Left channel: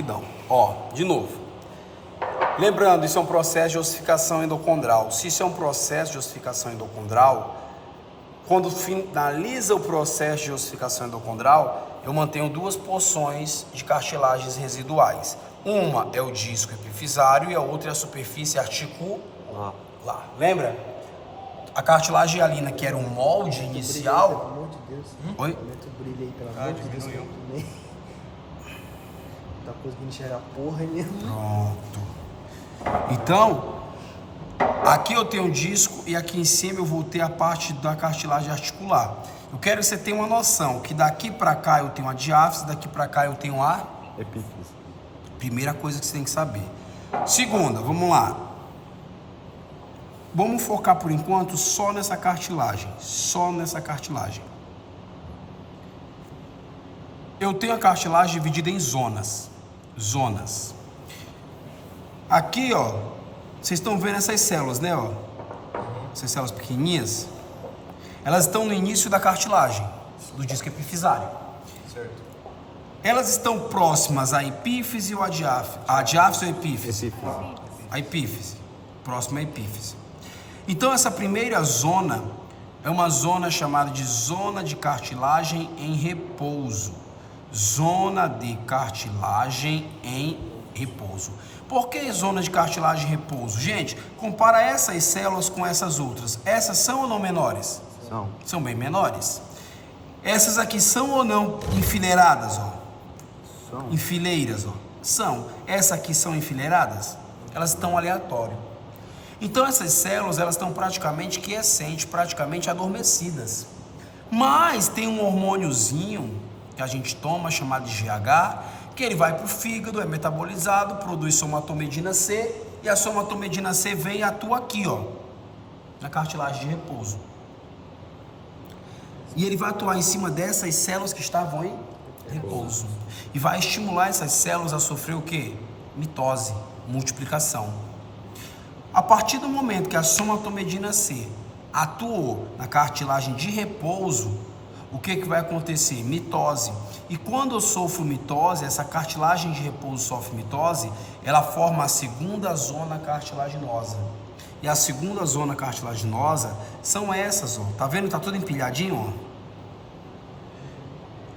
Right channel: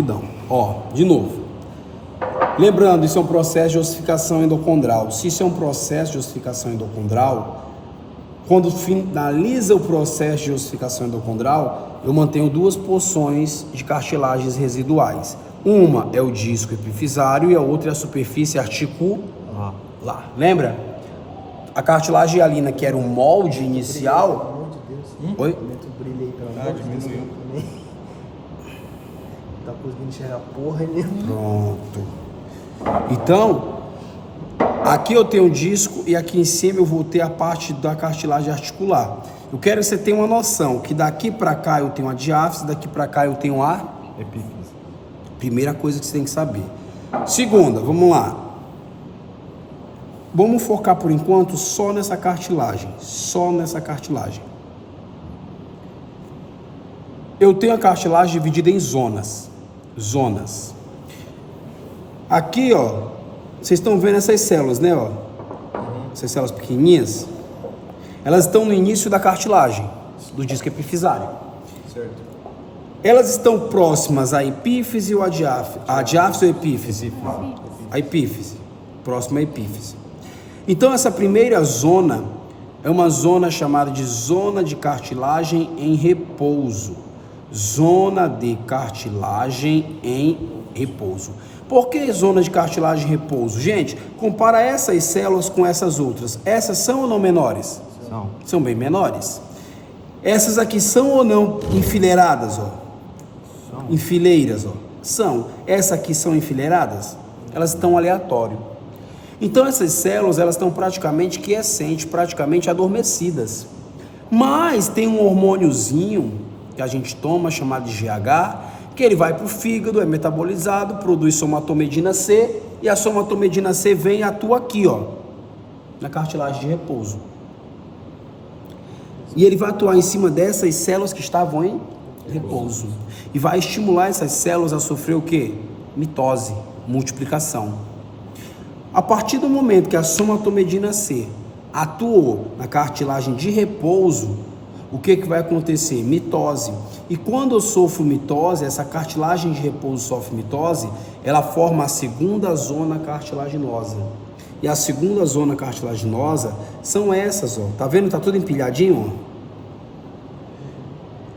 Então, ó, de novo. Lembrando, isso é um processo de ossificação endocondral. Se isso é um processo de ossificação endocondral, quando finaliza o processo de ossificação endocondral, eu mantenho duas porções de cartilagens residuais. Uma é o disco epifisário e a outra é a superfície articular. Lembra? A cartilagem hialina, que era o molde inicial... Oi? Diminuiu. Tá conseguindo enxergar porra ali. Pronto. Então, aqui eu tenho um disco e aqui em cima eu vou ter a parte da cartilagem articular. Eu quero que você tenha uma noção que daqui para cá eu tenho a diáfise, daqui para cá eu tenho a epífise. Primeira coisa que você tem que saber. Segunda, vamos lá. Vamos focar por enquanto só nessa cartilagem. Só nessa cartilagem. Eu tenho a cartilagem dividida em zonas. Zonas. Aqui, ó, vocês estão vendo essas células, né, ó? Essas células pequenininhas. Elas estão no início da cartilagem, do disco epifisário. Certo. Elas estão próximas à epífise ou à diáfise? A diáfise ou a epífise? A epífise. Próxima à epífise. Então, essa primeira zona é uma zona chamada de zona de cartilagem em repouso. Zona de cartilagem em repouso. Por que zona de cartilagem em repouso? Gente, compara essas células com essas outras. Essas são ou não menores? São bem menores. Essas aqui são ou não enfileiradas, ó? Em fileiras, ó? São. Essas aqui são enfileiradas? Elas estão aleatório. Então essas células, elas estão praticamente quiescentes, praticamente adormecidas. Mas tem um hormôniozinho que a gente toma, chamado de GH, que ele vai para o fígado, é metabolizado, produz somatomedina C, e a somatomedina C vem e atua aqui, ó, na cartilagem de repouso. E ele vai atuar em cima dessas células que estavam em repouso. E vai estimular essas células a sofrer o quê? Mitose, multiplicação. A partir do momento que a somatomedina C atuou na cartilagem de repouso, o que vai acontecer? Mitose. E quando eu sofro mitose, essa cartilagem de repouso sofre mitose, ela forma a segunda zona cartilaginosa. E a segunda zona cartilaginosa são essas, ó. Tá vendo? Tá tudo empilhadinho,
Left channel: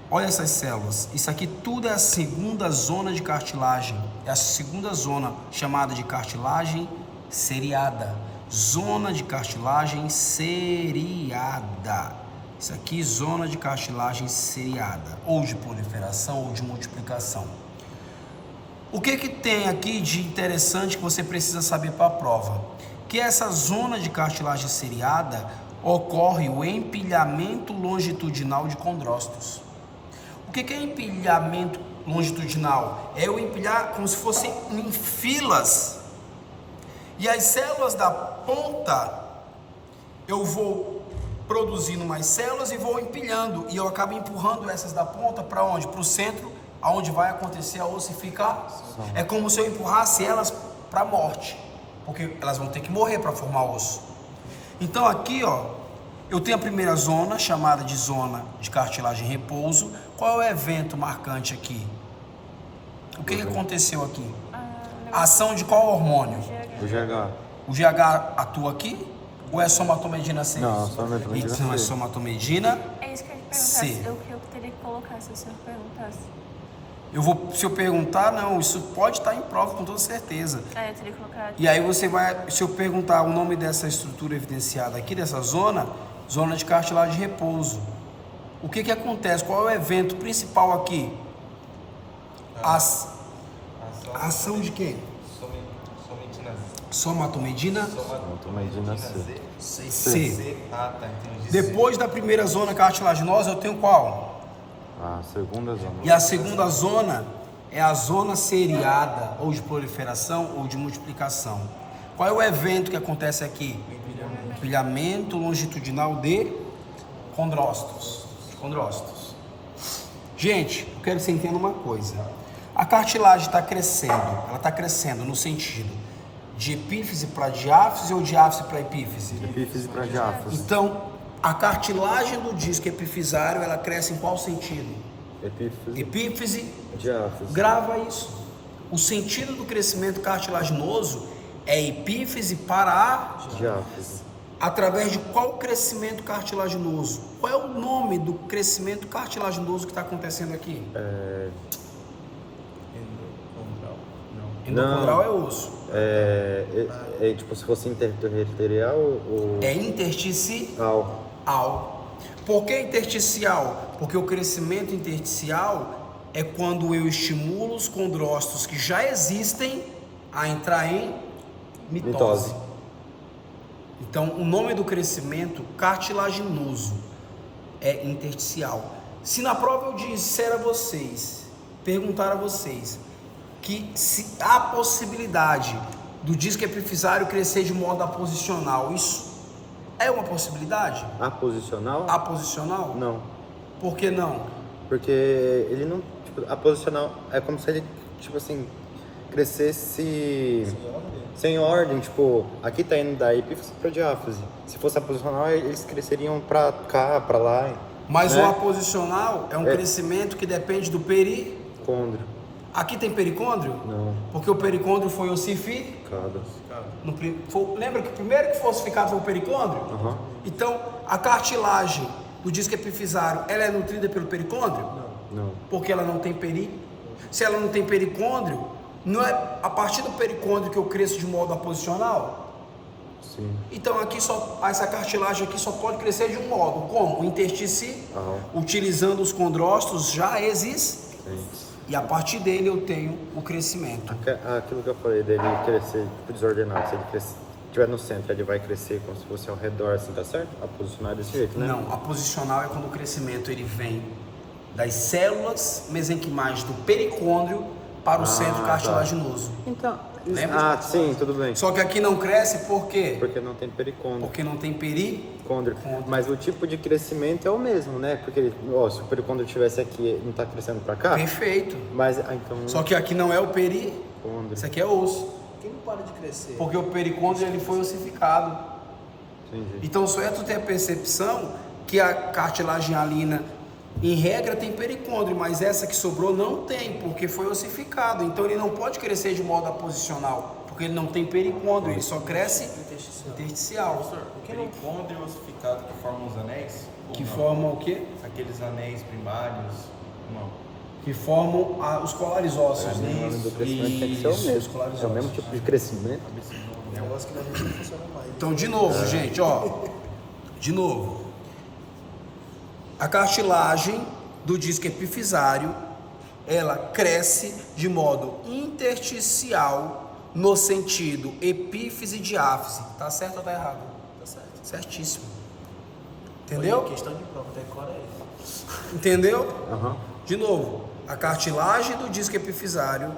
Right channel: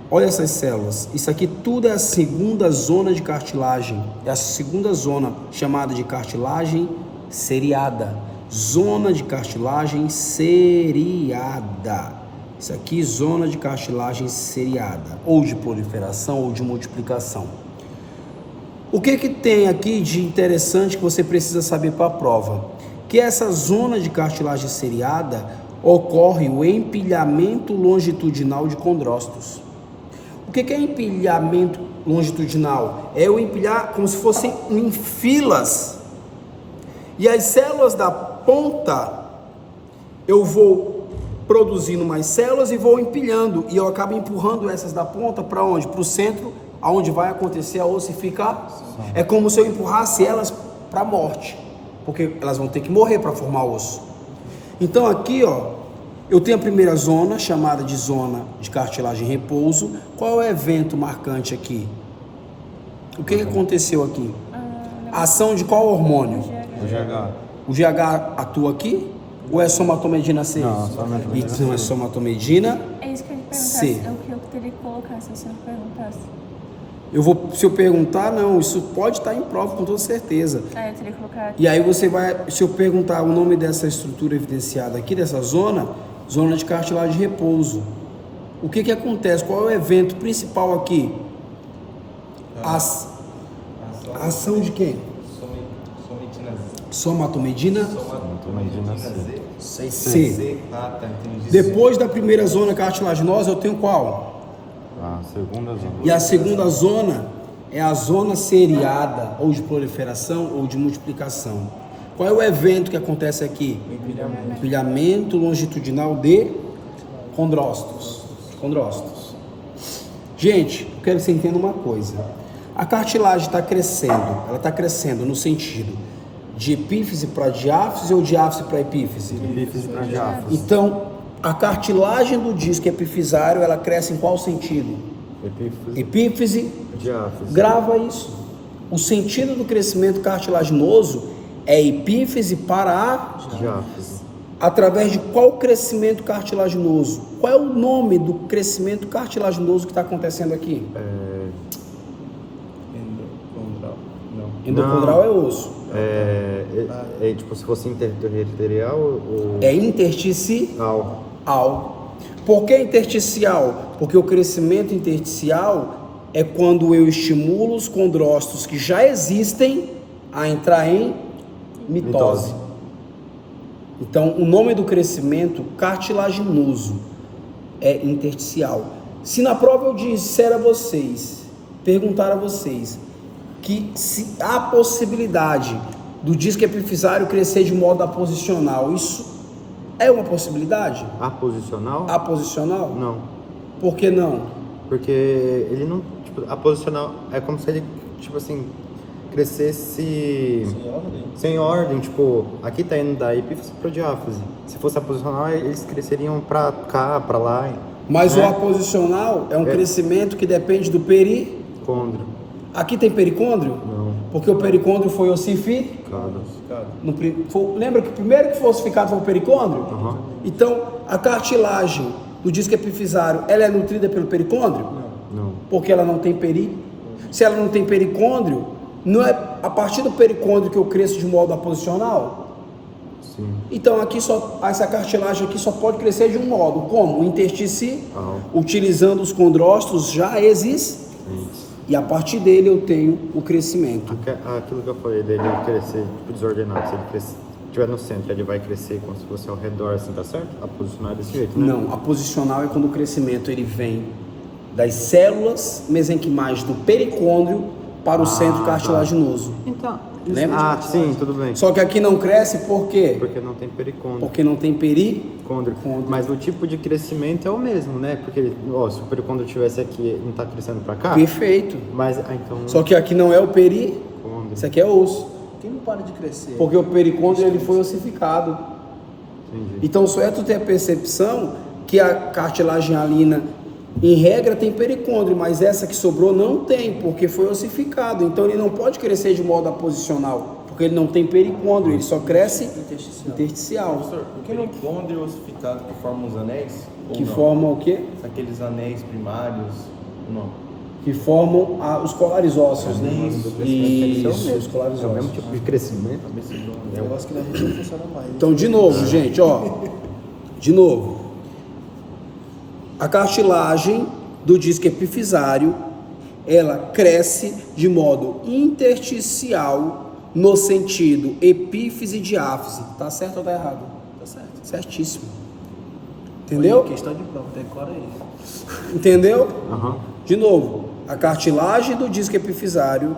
ó. Olha essas células. Isso aqui tudo é a segunda zona de cartilagem. É a segunda zona chamada de cartilagem seriada. Zona de cartilagem seriada. Isso aqui, zona de cartilagem seriada, ou de proliferação ou de multiplicação. O que tem aqui de interessante que você precisa saber para a prova? Que essa zona de cartilagem seriada ocorre o empilhamento longitudinal de condrócitos. O que é empilhamento longitudinal? É o empilhar como se fossem em filas. E as células da ponta, eu vou produzindo mais células e vou empilhando, e eu acabo empurrando essas da ponta para onde? Para o centro, aonde vai acontecer a ossificação. É como se eu empurrasse elas para a morte, porque elas vão ter que morrer para formar osso. Então aqui, ó, eu tenho a primeira zona, chamada de zona de cartilagem em repouso. Qual é o evento marcante aqui? O que aconteceu aqui? A ação de qual hormônio? O GH atua aqui? Ou é somatomedina C? Então é somatomedina É isso que eu ia perguntar. C. É o que eu teria que colocar se você não perguntasse. Se eu perguntar, não, isso pode estar em prova com toda certeza. Eu teria que colocar. E aí você vai, se eu perguntar o nome dessa estrutura evidenciada aqui, dessa zona, zona de cartilagem de repouso. O que acontece? Qual é o evento principal aqui? A ação de quem? Somatomedina C. Depois da primeira zona cartilaginosa, eu tenho qual? E a segunda zona é a zona seriada, ou de proliferação ou de multiplicação. Qual é o evento que acontece aqui? Empilhamento longitudinal de condrócitos. Gente, eu quero que você entenda uma coisa. A cartilagem está crescendo, ela está crescendo no sentido de epífise para diáfise ou diáfise para epífise? Epífise para diáfise. Então, a cartilagem do disco epifisário, ela cresce em qual sentido? Epífise. Diáfise. Grava isso. O sentido do crescimento cartilaginoso é epífise para a... Através de qual crescimento cartilaginoso? Qual é o nome do crescimento cartilaginoso que está acontecendo aqui? Endocondral. Não. Endocondral é osso. Tipo, se fosse interarterial ou... É intersticial. Não. Por que intersticial? Porque o crescimento intersticial é quando eu estimulo os condrócitos que já existem a entrar em mitose. Então, o nome do crescimento cartilaginoso é intersticial. Se na prova eu disser a vocês, perguntar a vocês, que se há possibilidade do disco epifisário crescer de modo aposicional, isso é uma possibilidade? Aposicional? Aposicional? Não. Por que não? Porque ele não... Tipo, aposicional é como se ele, tipo assim, crescesse... Sem ordem, tipo, aqui tá indo da epífise para diáfise. Se fosse aposicional, eles cresceriam para cá, para lá. Mas o aposicional é um crescimento que depende do Condro. Aqui tem pericôndrio? Não. Porque o pericôndrio foi ossificado. Lembra que o primeiro que foi ossificado foi o pericôndrio? Então, a cartilagem do disco epifisário, ela é nutrida pelo pericôndrio? Não. Porque ela não tem Se ela não tem pericôndrio, não é a partir do pericôndrio que eu cresço de modo aposicional? Sim. Então aqui essa cartilagem aqui só pode crescer de um modo, como? O intersticial, utilizando os condrócitos já existentes, e a partir dele eu tenho o crescimento. Aquilo que eu falei dele crescer desordenado, se ele crescer, estiver no centro, ele vai crescer como se fosse ao redor, assim, tá certo? A posicionar desse jeito, né? Não, a posicional é quando o crescimento ele vem das células mesenquimais do pericôndrio para o centro cartilaginoso. Então, lembra? Sim, tudo bem. Só que aqui não cresce por quê? Porque não tem pericôndrio. Porque não tem Condro. Mas o tipo de crescimento é o mesmo, né? Porque se o pericôndrio estivesse aqui, não tá crescendo para cá? Perfeito. Mas então... Só que aqui não é o pericôndrio, isso aqui é osso. Quem não para de crescer? Porque o pericôndrio ele foi ossificado. Entendi. Então só é tu ter a percepção que a cartilagem hialina, em regra, tem pericôndrio, mas essa que sobrou não tem, porque foi ossificado. Então ele não pode crescer de modo aposicional, porque ele não tem pericôndrio, ele só cresce intersticial. Professor, o pericôndrio ossificado que forma os anéis? Ou Que não? formam o quê? Aqueles anéis primários? Não. Que formam os colares ósseos, né? Isso, os colares ósseos. De crescimento. Eu gosto que na gente não funciona mais. Então, de novo, gente, de novo. A cartilagem do disco epifisário, ela cresce de modo intersticial no sentido epífise e diáfise. Tá certo ou tá errado? Tá certo. Certíssimo. Entendeu? Questão de prova, decora isso. Entendeu? De novo, a cartilagem do disco epifisário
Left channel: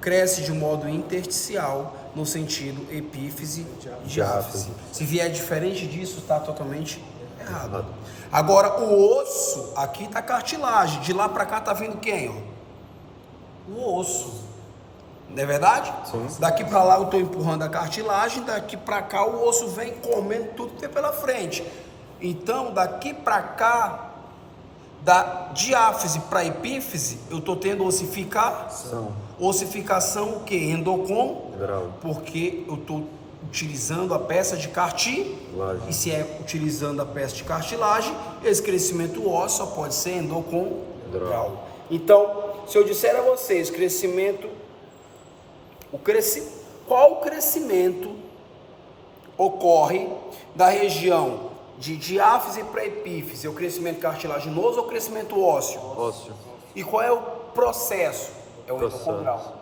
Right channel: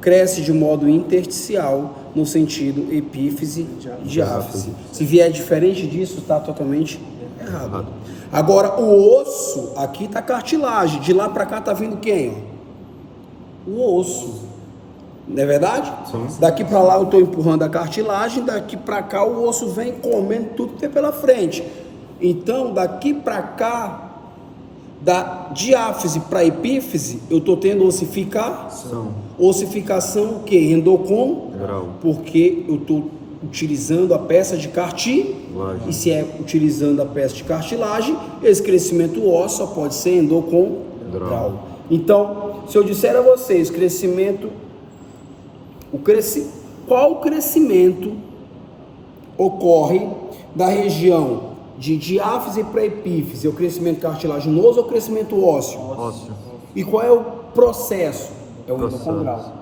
cresce de modo intersticial no sentido epífise e diáfise. Se vier diferente disso, está totalmente errado. Agora, o osso, aqui está a cartilagem, de lá para cá está vindo quem? O osso. Não é verdade? Daqui para lá eu estou empurrando a cartilagem, daqui para cá o osso vem comendo tudo que tem pela frente. Então, daqui para cá, da diáfise para epífise, eu estou tendo ossificação. Ossificação o quê? Endocondral. Porque eu estou utilizando a peça de cartilagem. E se é utilizando a peça de cartilagem, esse crescimento ósseo só pode ser endocondral. Então, se eu disser a vocês qual crescimento ocorre da região de diáfise para epífise? É o crescimento cartilaginoso ou o crescimento ósseo? E qual é o processo? É o endocondral.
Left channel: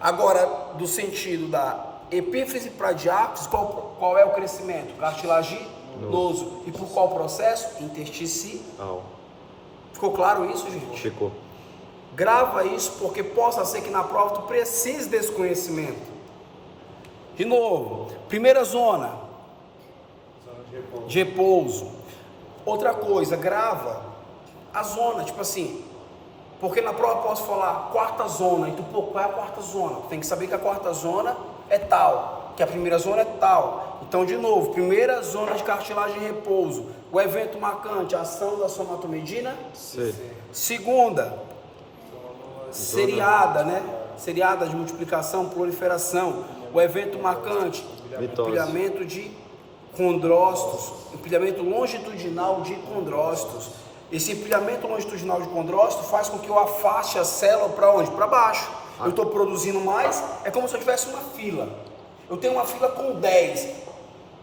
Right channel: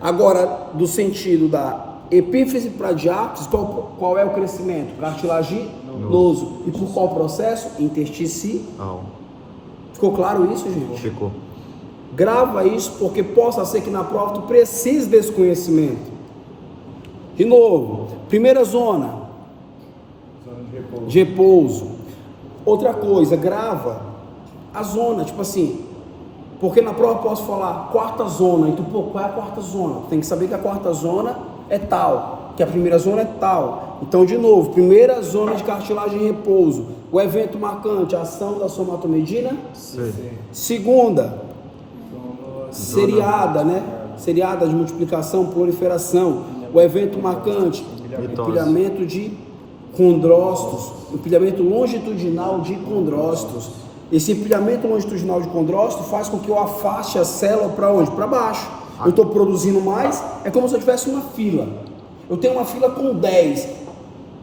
Agora, do sentido da epífise para diáfise, qual é o crescimento? Cartilaginoso. E por qual processo? Intersticial. Ficou claro isso, gente? Ficou. Grava isso, porque possa ser que na prova tu precise desse conhecimento. De novo, primeira zona de repouso. Outra coisa, grava a zona, tipo assim, porque na prova eu posso falar quarta zona, e tu, qual é a quarta zona? Tem que saber que a quarta zona é tal, que a primeira zona é tal. Então, de novo, primeira zona de cartilagem em repouso, o evento marcante, a ação da somatomedina. Segunda, seriada, né? seriada de multiplicação, proliferação. O evento marcante, empilhamento de condrócitos, empilhamento longitudinal de condrócitos. Esse empilhamento longitudinal de condrócito faz com que eu afaste a célula para onde? Para baixo. Eu estou produzindo mais, é como se eu tivesse uma fila. Eu tenho uma fila com 10.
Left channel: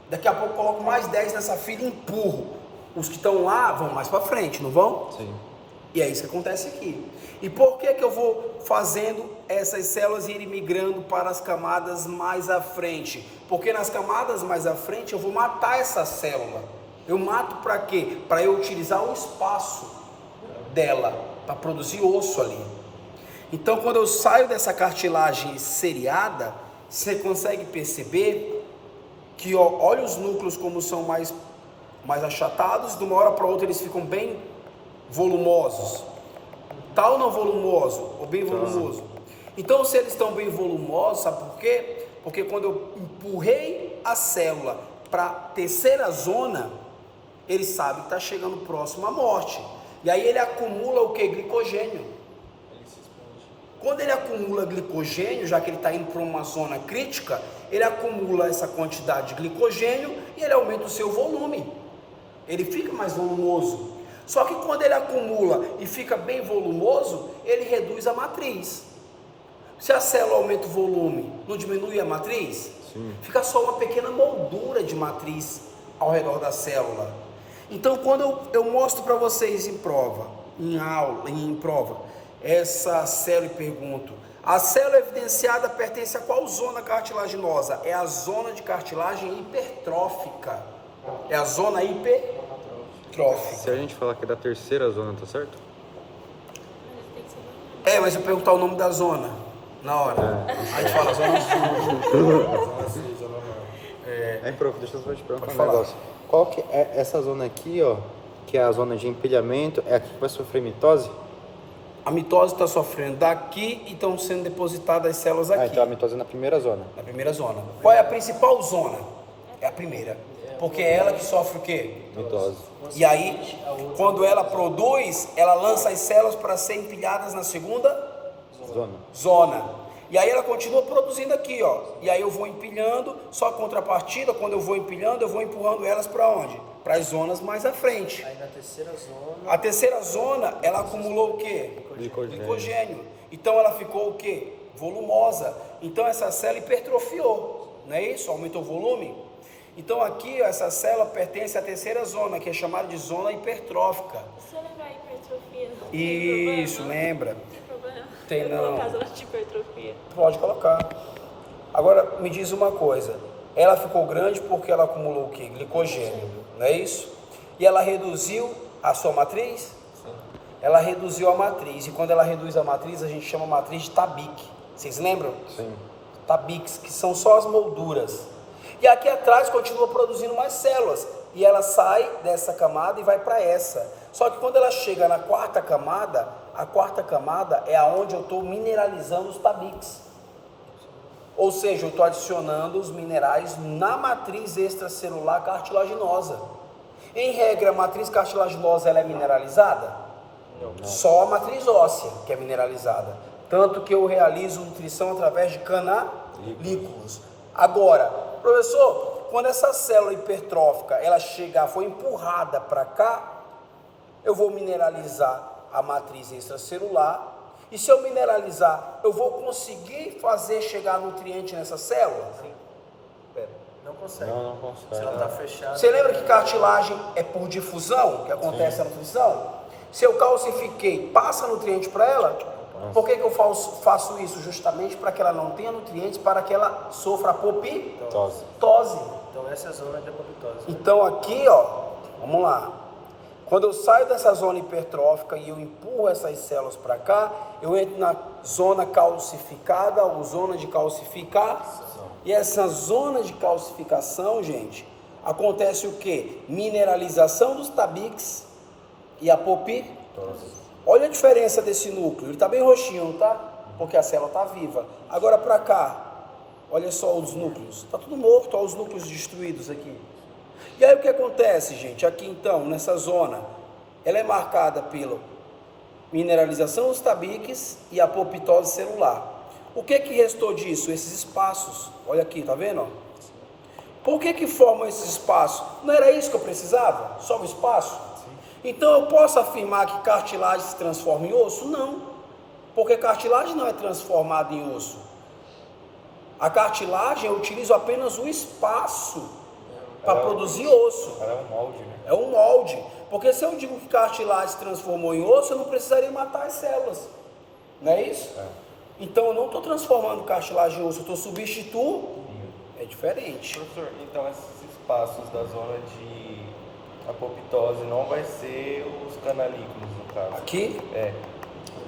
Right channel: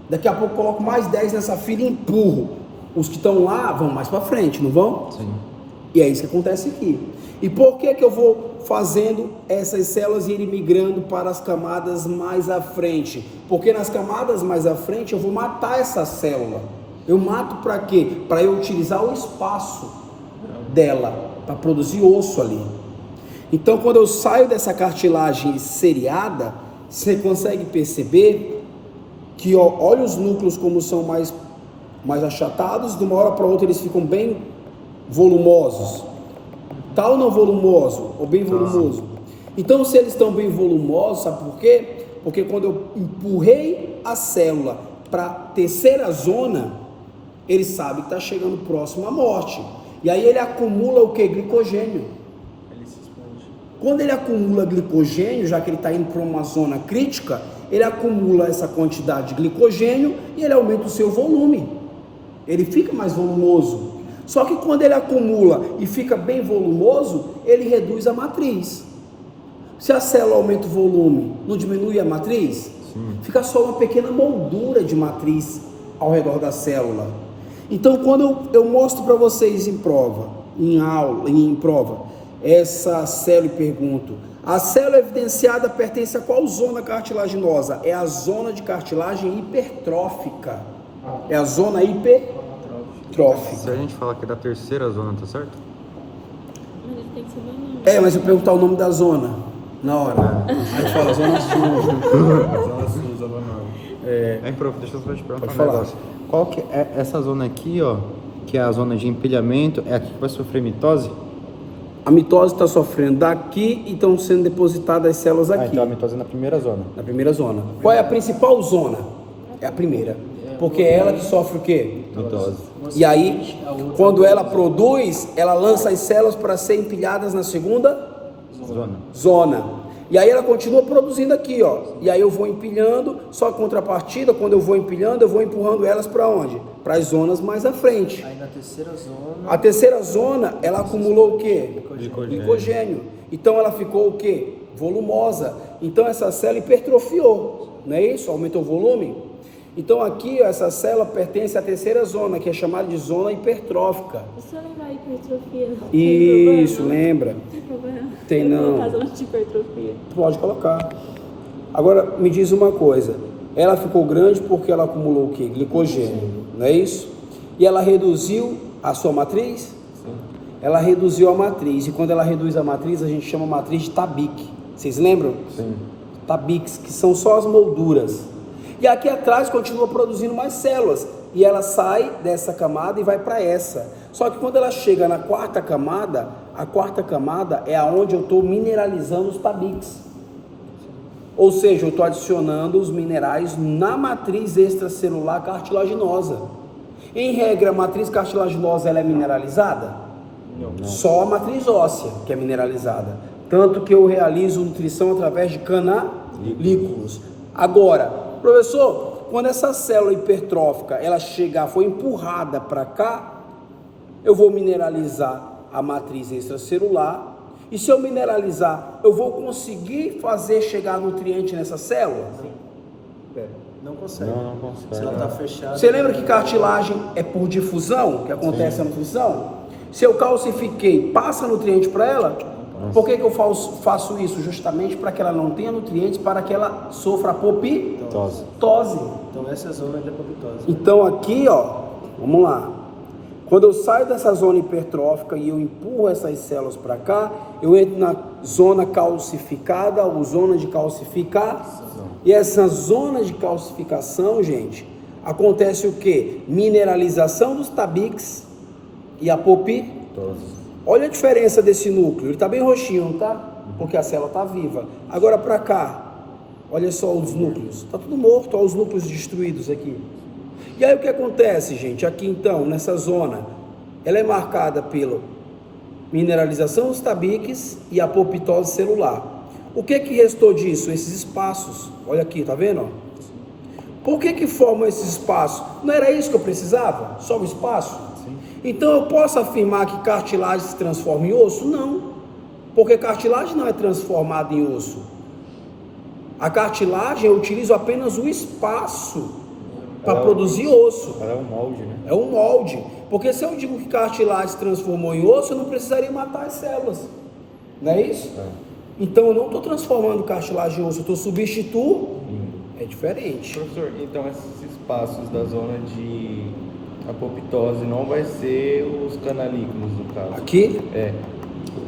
Daqui a pouco eu coloco mais 10 nessa fila e empurro. Os que estão lá vão mais para frente, não vão? Sim. E é isso que acontece aqui. E por que eu vou fazendo essas células irem migrando para as camadas mais à frente? Porque nas camadas mais à frente eu vou matar essa célula. Eu mato para quê? Para eu utilizar o espaço dela, para produzir osso ali. Então, quando eu saio dessa cartilagem seriada, você consegue perceber que, ó, olha os núcleos como são mais achatados, de uma hora para outra eles ficam bem volumosos. Tá ou não volumoso? Ou bem volumoso? Então, se eles estão bem volumosos, sabe por quê? Porque quando eu empurrei a célula para a terceira zona, ele sabe que está chegando próximo à morte. E aí ele acumula o que? Glicogênio. Quando ele acumula glicogênio, já que ele está indo para uma zona crítica, ele acumula essa quantidade de glicogênio e ele aumenta o seu volume. Ele fica mais volumoso. Só que quando ele acumula e fica bem volumoso, ele reduz a matriz. Se a célula aumenta o volume, não diminui a matriz? Sim. Fica só uma pequena moldura de matriz ao redor da célula. Então, quando eu mostro para vocês em prova, em prova, essa célula e pergunto, a célula evidenciada pertence a qual zona cartilaginosa? É a zona de cartilagem hipertrófica. É a zona hipertrófica. Se a gente falar aqui da terceira zona, tá certo? Mas eu perguntar o nome da zona na hora. A gente fala zona sul. Zona sul, zona norte. Professor, pode falar. Qual que é essa zona aqui, ó, que é a zona de empilhamento, é aqui que vai sofrer mitose? A mitose está sofrendo daqui e estão sendo depositadas as células aqui. Então a mitose é na primeira zona. Na primeira zona. Qual é a principal zona? É a primeira. Porque é ela que sofre o quê? Mitose. E aí, quando ela produz, ela lança as células para serem empilhadas na segunda zona. E aí ela continua produzindo aqui, ó. E aí eu vou empilhando, só que contrapartida, quando eu vou empilhando, eu vou empurrando elas para onde? Para as zonas mais à frente. Aí na terceira zona. A terceira zona, ela acumulou o quê? Glicogênio. Então ela ficou o quê? Volumosa. Então essa célula hipertrofiou, não é isso? Aumentou o volume. Então aqui, ó, essa célula pertence à terceira zona, que é chamada de zona hipertrófica. Você não vai hipertrofia, não? Isso, lembra? Tem problema? Tem não. Caso não de hipertrofia. Pode colocar. Agora, me diz uma coisa. Ela ficou grande porque ela acumulou o quê? Glicogênio, não é isso? E ela reduziu a sua matriz? Sim. Ela reduziu a matriz. E quando ela reduz a matriz, a gente chama a matriz de Tabik. Vocês lembram? Sim. Tabiques, que são só as molduras. E aqui atrás continua produzindo mais células. E ela sai dessa camada e vai para essa. Só que quando ela chega na quarta camada, a quarta camada é aonde eu estou mineralizando os tabiques. Ou seja, eu estou adicionando os minerais na matriz extracelular cartilaginosa. Em regra, a matriz cartilaginosa ela é mineralizada? Não. Só a matriz óssea que é mineralizada. Tanto que eu realizo nutrição através de canalículos. Agora, professor, quando essa célula hipertrófica ela foi empurrada para cá, eu vou mineralizar a matriz extracelular. E se eu mineralizar, eu vou conseguir fazer chegar nutriente nessa célula? Sim. Não consegue. Se ela está fechada. Você lembra que cartilagem é por difusão que acontece a nutrição? Se eu calcifiquei, passa nutriente para ela? Por que eu faço isso? Justamente para que ela não tenha nutrientes, para que ela sofra apoptose. Então essa é a zona de apoptose. Então aqui, ó, vamos lá. Quando eu saio dessa zona hipertrófica e eu empurro essas células para cá, eu entro na zona calcificada ou zona de calcificação. E essa zona de calcificação, gente, acontece o quê? Mineralização dos tabiques e apoptose. Olha a diferença desse núcleo, ele está bem roxinho, não tá? Porque a célula está viva. Agora para cá, olha só os núcleos, está tudo morto, olha os núcleos destruídos aqui. E aí o que acontece, gente? Aqui então, nessa zona, ela é marcada pela mineralização dos tabiques e apoptose celular. O que restou disso? Esses espaços. Olha aqui, tá vendo? Ó? Por que formam esses espaços? Não era isso que eu precisava? Só o espaço? Sim. Então eu posso afirmar que cartilagem se transforma em osso? Não. Porque cartilagem não é transformada em osso. A cartilagem eu utilizo apenas o espaço para produzir osso. Ela é um molde, né? É um molde. Porque se eu digo que cartilagem se transformou em osso, eu não precisaria matar as células. Não é isso? É. Então eu não estou transformando cartilagem em osso, eu estou substituindo. É diferente. Professor, então esses espaços da zona de apoptose não vai ser os canalículos, no caso? Aqui? É.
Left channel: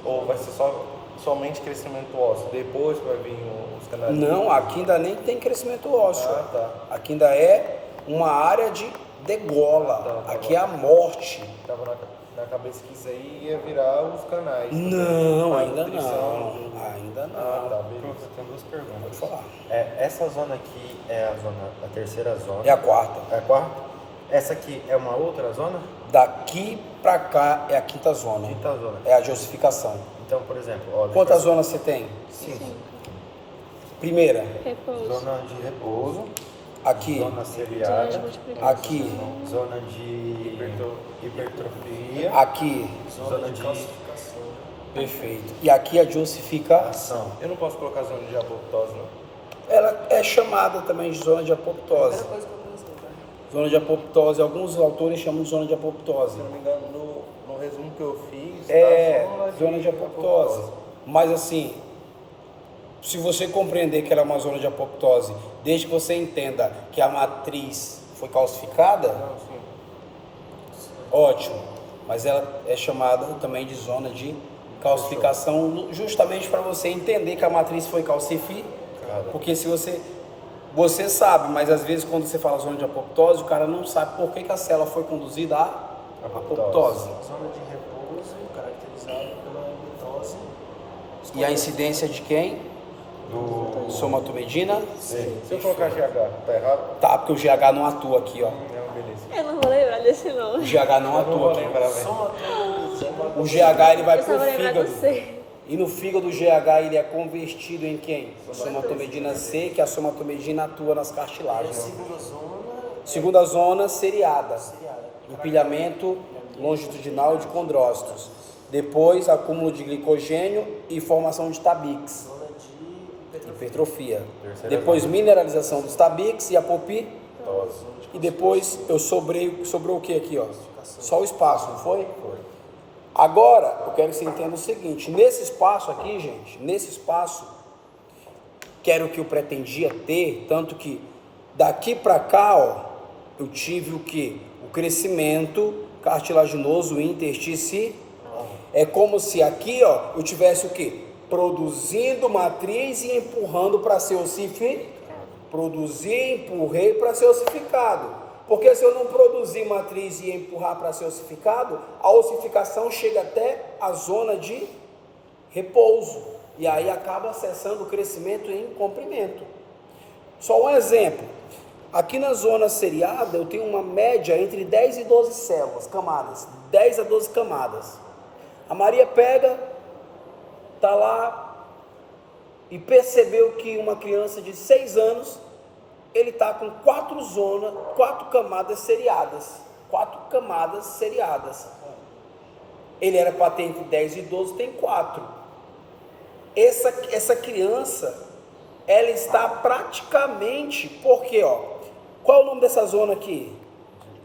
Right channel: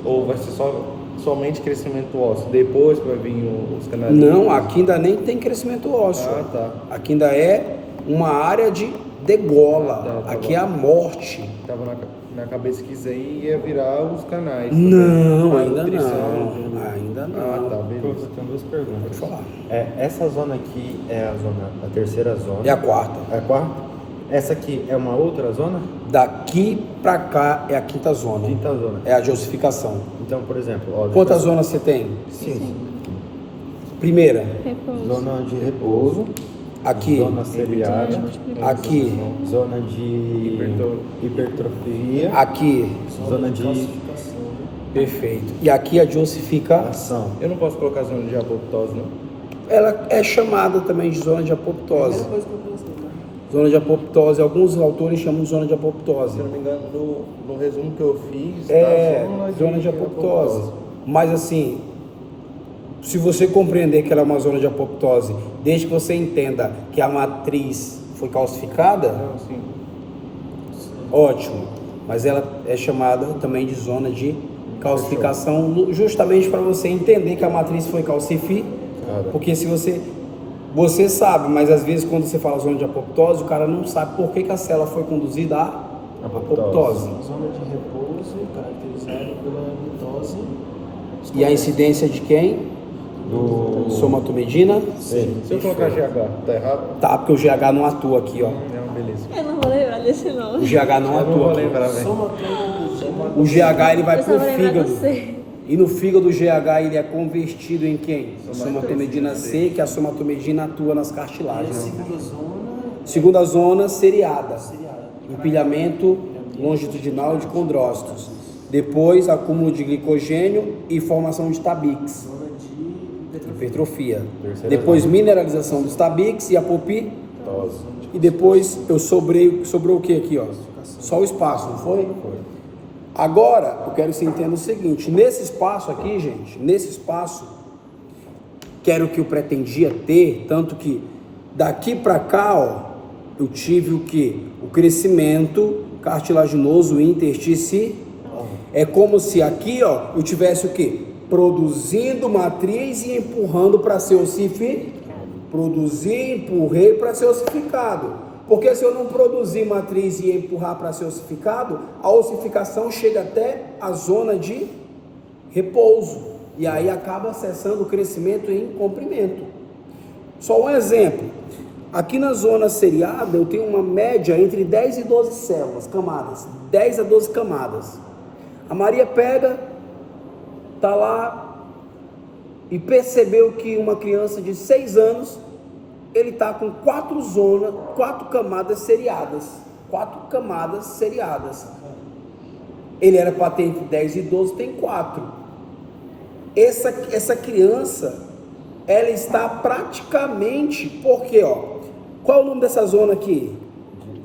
Ou vai ser somente crescimento ósseo? Depois vai vir os canalículos? Não, aqui ainda nem tem crescimento ósseo. Ah, tá. Aqui ainda é uma área de degola. Tá Aqui bom. é a morte. Tava na cabeça que isso aí ia virar os canais. Não, A ainda nutrição, não. Ainda Ah, não. tá, beleza. Professor, eu tenho duas perguntas. Pode falar. Essa zona aqui é a terceira zona. É a quarta. É a quarta? Essa aqui é uma outra zona? Daqui pra cá é a quinta zona. Quinta zona. É a dosificação. Então, por exemplo, ó, Quantas zonas você tem? 5. Primeira, Zona de repouso, aqui, zona seriada, aqui, zona de hipertrofia, aqui. zona de Perfeito. E aqui a dosificação. ação. Eu não posso colocar zona de apoptose, não? Ela é chamada também de zona de apoptose. Zona de apoptose, alguns autores chamam de zona de Se apoptose. eu não me engano, no resumo que eu fiz, É, zona de apoptose. Mas assim, se você compreender que ela é uma zona de apoptose, desde que você entenda que a matriz foi calcificada, Não, sim. ótimo. Mas ela é chamada também de zona de calcificação, justamente para você entender que a matriz foi calcificada. Porque se você sabe, mas às vezes quando você fala zona de apoptose, o cara não sabe por que a célula foi conduzida à apoptose. Zona de repouso, caracterizada pela mitose. E a incidência de quem? Do Somatomedina? Se eu colocar GH, tá errado? Tá, porque o GH não atua aqui, ó. Não, beleza. Eu não vou lembrar desse nome. O GH não Eu não vou atua aqui. lembrar, velho. Somatomedina. O GH ele vai pro Eu só vou lembrar fígado. do C. E no fígado o GH ele é convertido em quem? Somatomedina C, que a somatomedina atua nas cartilagens. Segunda zona, Segunda zona, seriada. seriada. Empilhamento longitudinal de condrócitos. Depois, acúmulo de glicogênio e formação de tabiques. Zona de hipertrofia. Hipertrofia. Terceira Depois, mineralização dos tabiques e apoptose. E depois, sobrou o que aqui, ó? Só o espaço, não foi? Foi. Agora, eu quero que você entenda o seguinte. Nesse espaço aqui, gente, nesse espaço, que era o que eu pretendia ter, tanto que daqui para cá, ó, eu tive o que? O crescimento cartilaginoso intersticial. É como se aqui, ó, eu tivesse o que? Produzindo matriz e empurrando para ser ossificado. Produzi, empurrei para ser ossificado. Porque se eu não produzir matriz e empurrar para ser ossificado, a ossificação chega até a zona de repouso. E aí acaba cessando o crescimento em comprimento. Só um exemplo. Aqui na zona seriada eu tenho uma média entre 10 e 12 células, camadas. 10 a 12 camadas. A Maria pega, tá lá e percebeu que uma criança de 6 anos, ele tá com 4 camadas seriadas. 4 camadas seriadas. Ele era para ter entre 10 e 12, tem 4. Essa criança, ela está praticamente, porque, ó, qual é o nome dessa zona aqui?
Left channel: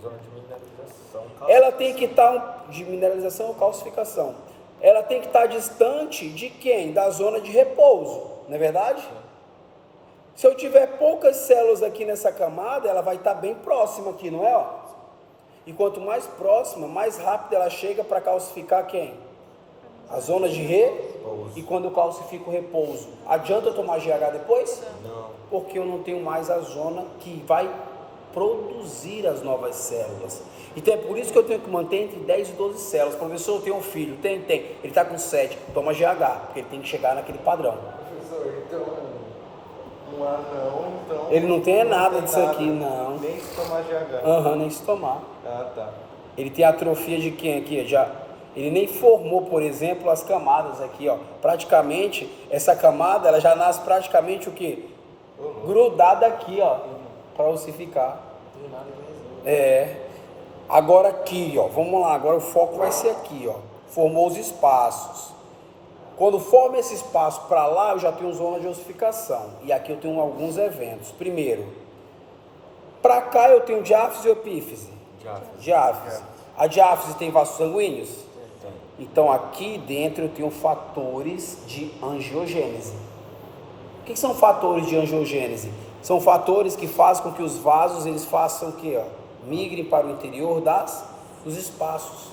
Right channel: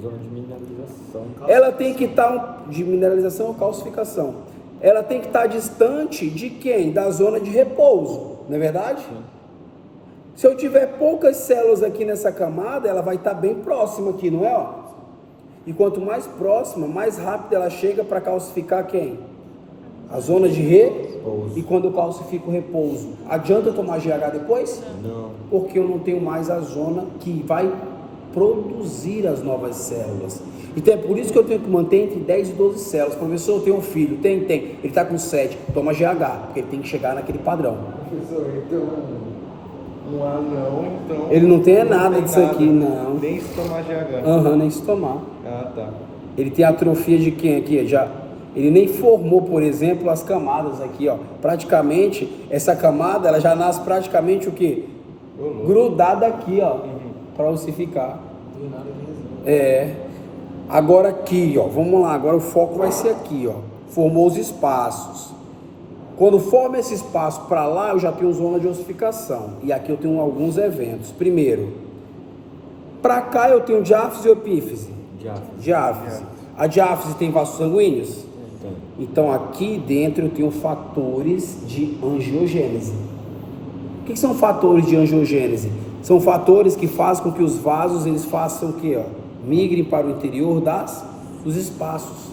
zona de mineralização. Ela tem que estar de mineralização ou calcificação. Ela tem que estar distante de quem? Da zona de repouso, não é verdade? Sim. Se eu tiver poucas células aqui nessa camada, ela vai estar bem próxima aqui, não é? Ó? E quanto mais próxima, mais rápido ela chega para calcificar quem? A zona de repouso. E quando eu calcifico o repouso, adianta eu tomar GH depois? Não. Porque eu não tenho mais a zona que vai produzir as novas células. Então é por isso que eu tenho que manter entre 10 e 12 células. Professor, eu tenho um filho, tem. Ele está com 7, toma GH, porque ele tem que chegar naquele padrão. Professor, então... Um anão, então... Ele não tem nada tem disso aqui, não. Nem se tomar GH. Nem se tomar. Ah, tá. Ele tem atrofia de quem aqui? Já Ele nem formou, por exemplo, as camadas aqui, ó. Praticamente, essa camada, ela já nasce praticamente o quê? Grudada aqui, ó, para ossificar. Agora aqui, ó, vamos lá, agora o foco vai ser aqui, ó. Formou os espaços. Quando forma esse espaço para lá, eu já tenho zona de ossificação. E aqui eu tenho alguns eventos. Primeiro, para cá eu tenho diáfise ou epífise? Diáfise. A diáfise tem vasos sanguíneos? Tem. Então aqui dentro eu tenho fatores de angiogênese. O que são fatores de angiogênese? São fatores que fazem com que os vasos eles façam o quê? Ó? Migrem para o interior dos espaços.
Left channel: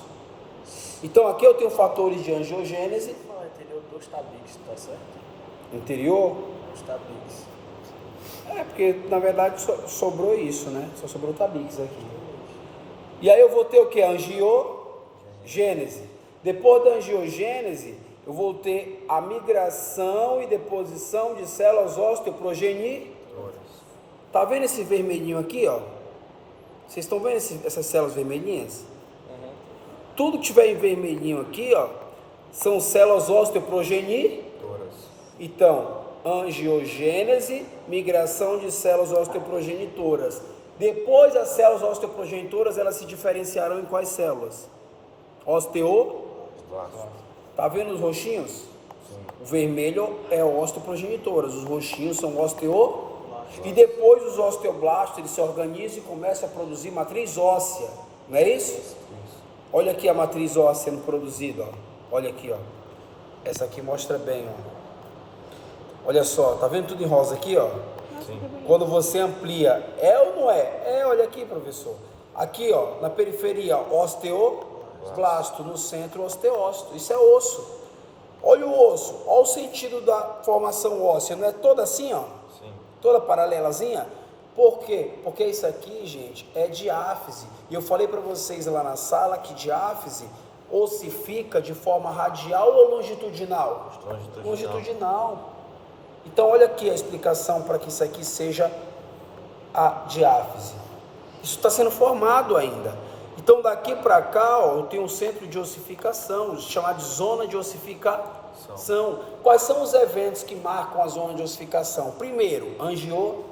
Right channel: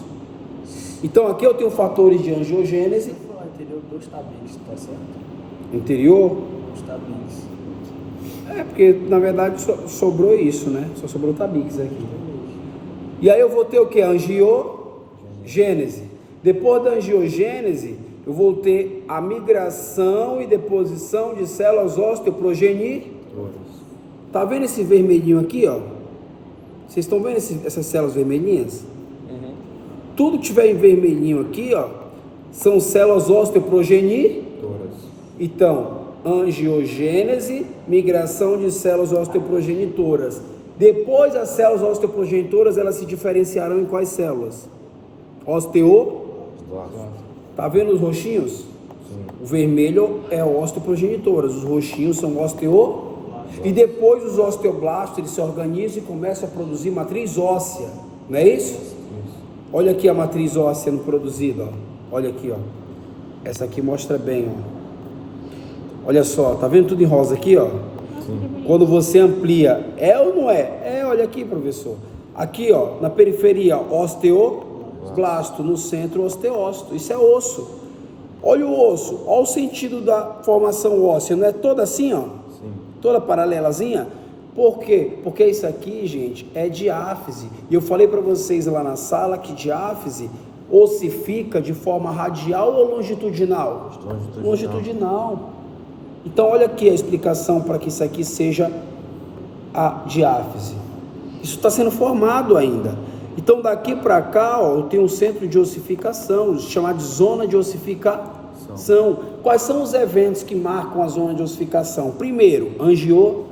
Então aqui eu tenho fatores de angiogênese. Interior dos tabiques, tá certo? Interior? Os tabiques. Porque na verdade sobrou isso, né? Só sobrou tabiques aqui. E aí eu vou ter o que? Angiogênese. Depois da angiogênese, eu vou ter a migração e deposição de células osteoprogenitoras. Tá vendo esse vermelhinho aqui, ó? Vocês estão vendo essas células vermelhinhas? Tudo que tiver em vermelhinho aqui, ó, são células osteoprogenitoras. Então, angiogênese, migração de células osteoprogenitoras. Depois, as células osteoprogenitoras, elas se diferenciarão em quais células? Osteoblastos. Tá vendo os roxinhos? Sim. O vermelho é osteoprogenitoras, os roxinhos são osteoblastos. E depois os osteoblastos, eles se organizam e começam a produzir matriz óssea. Não é isso? Olha aqui a matriz óssea sendo produzida, ó. Olha aqui, ó. Essa aqui mostra bem, ó. Olha só, tá vendo tudo em rosa aqui, ó? Sim. Quando você amplia, é ou não é? Olha aqui, professor. Aqui, ó, na periferia, osteoblasto, no centro, osteócito. Isso é osso. Olha o osso, olha o sentido da formação óssea, não é toda assim, ó? Sim. Toda paralelazinha? Por quê? Porque isso aqui, gente, é diáfise. E eu falei para vocês lá na sala que diáfise ossifica de forma radial ou longitudinal? Longitudinal. Então olha aqui a explicação para que isso aqui seja a diáfise. Isso está sendo formado ainda. Então daqui para cá, ó, eu tenho um centro de ossificação, chamado de zona de ossificação. Quais são os eventos que marcam a zona de ossificação? Primeiro, angiogênese.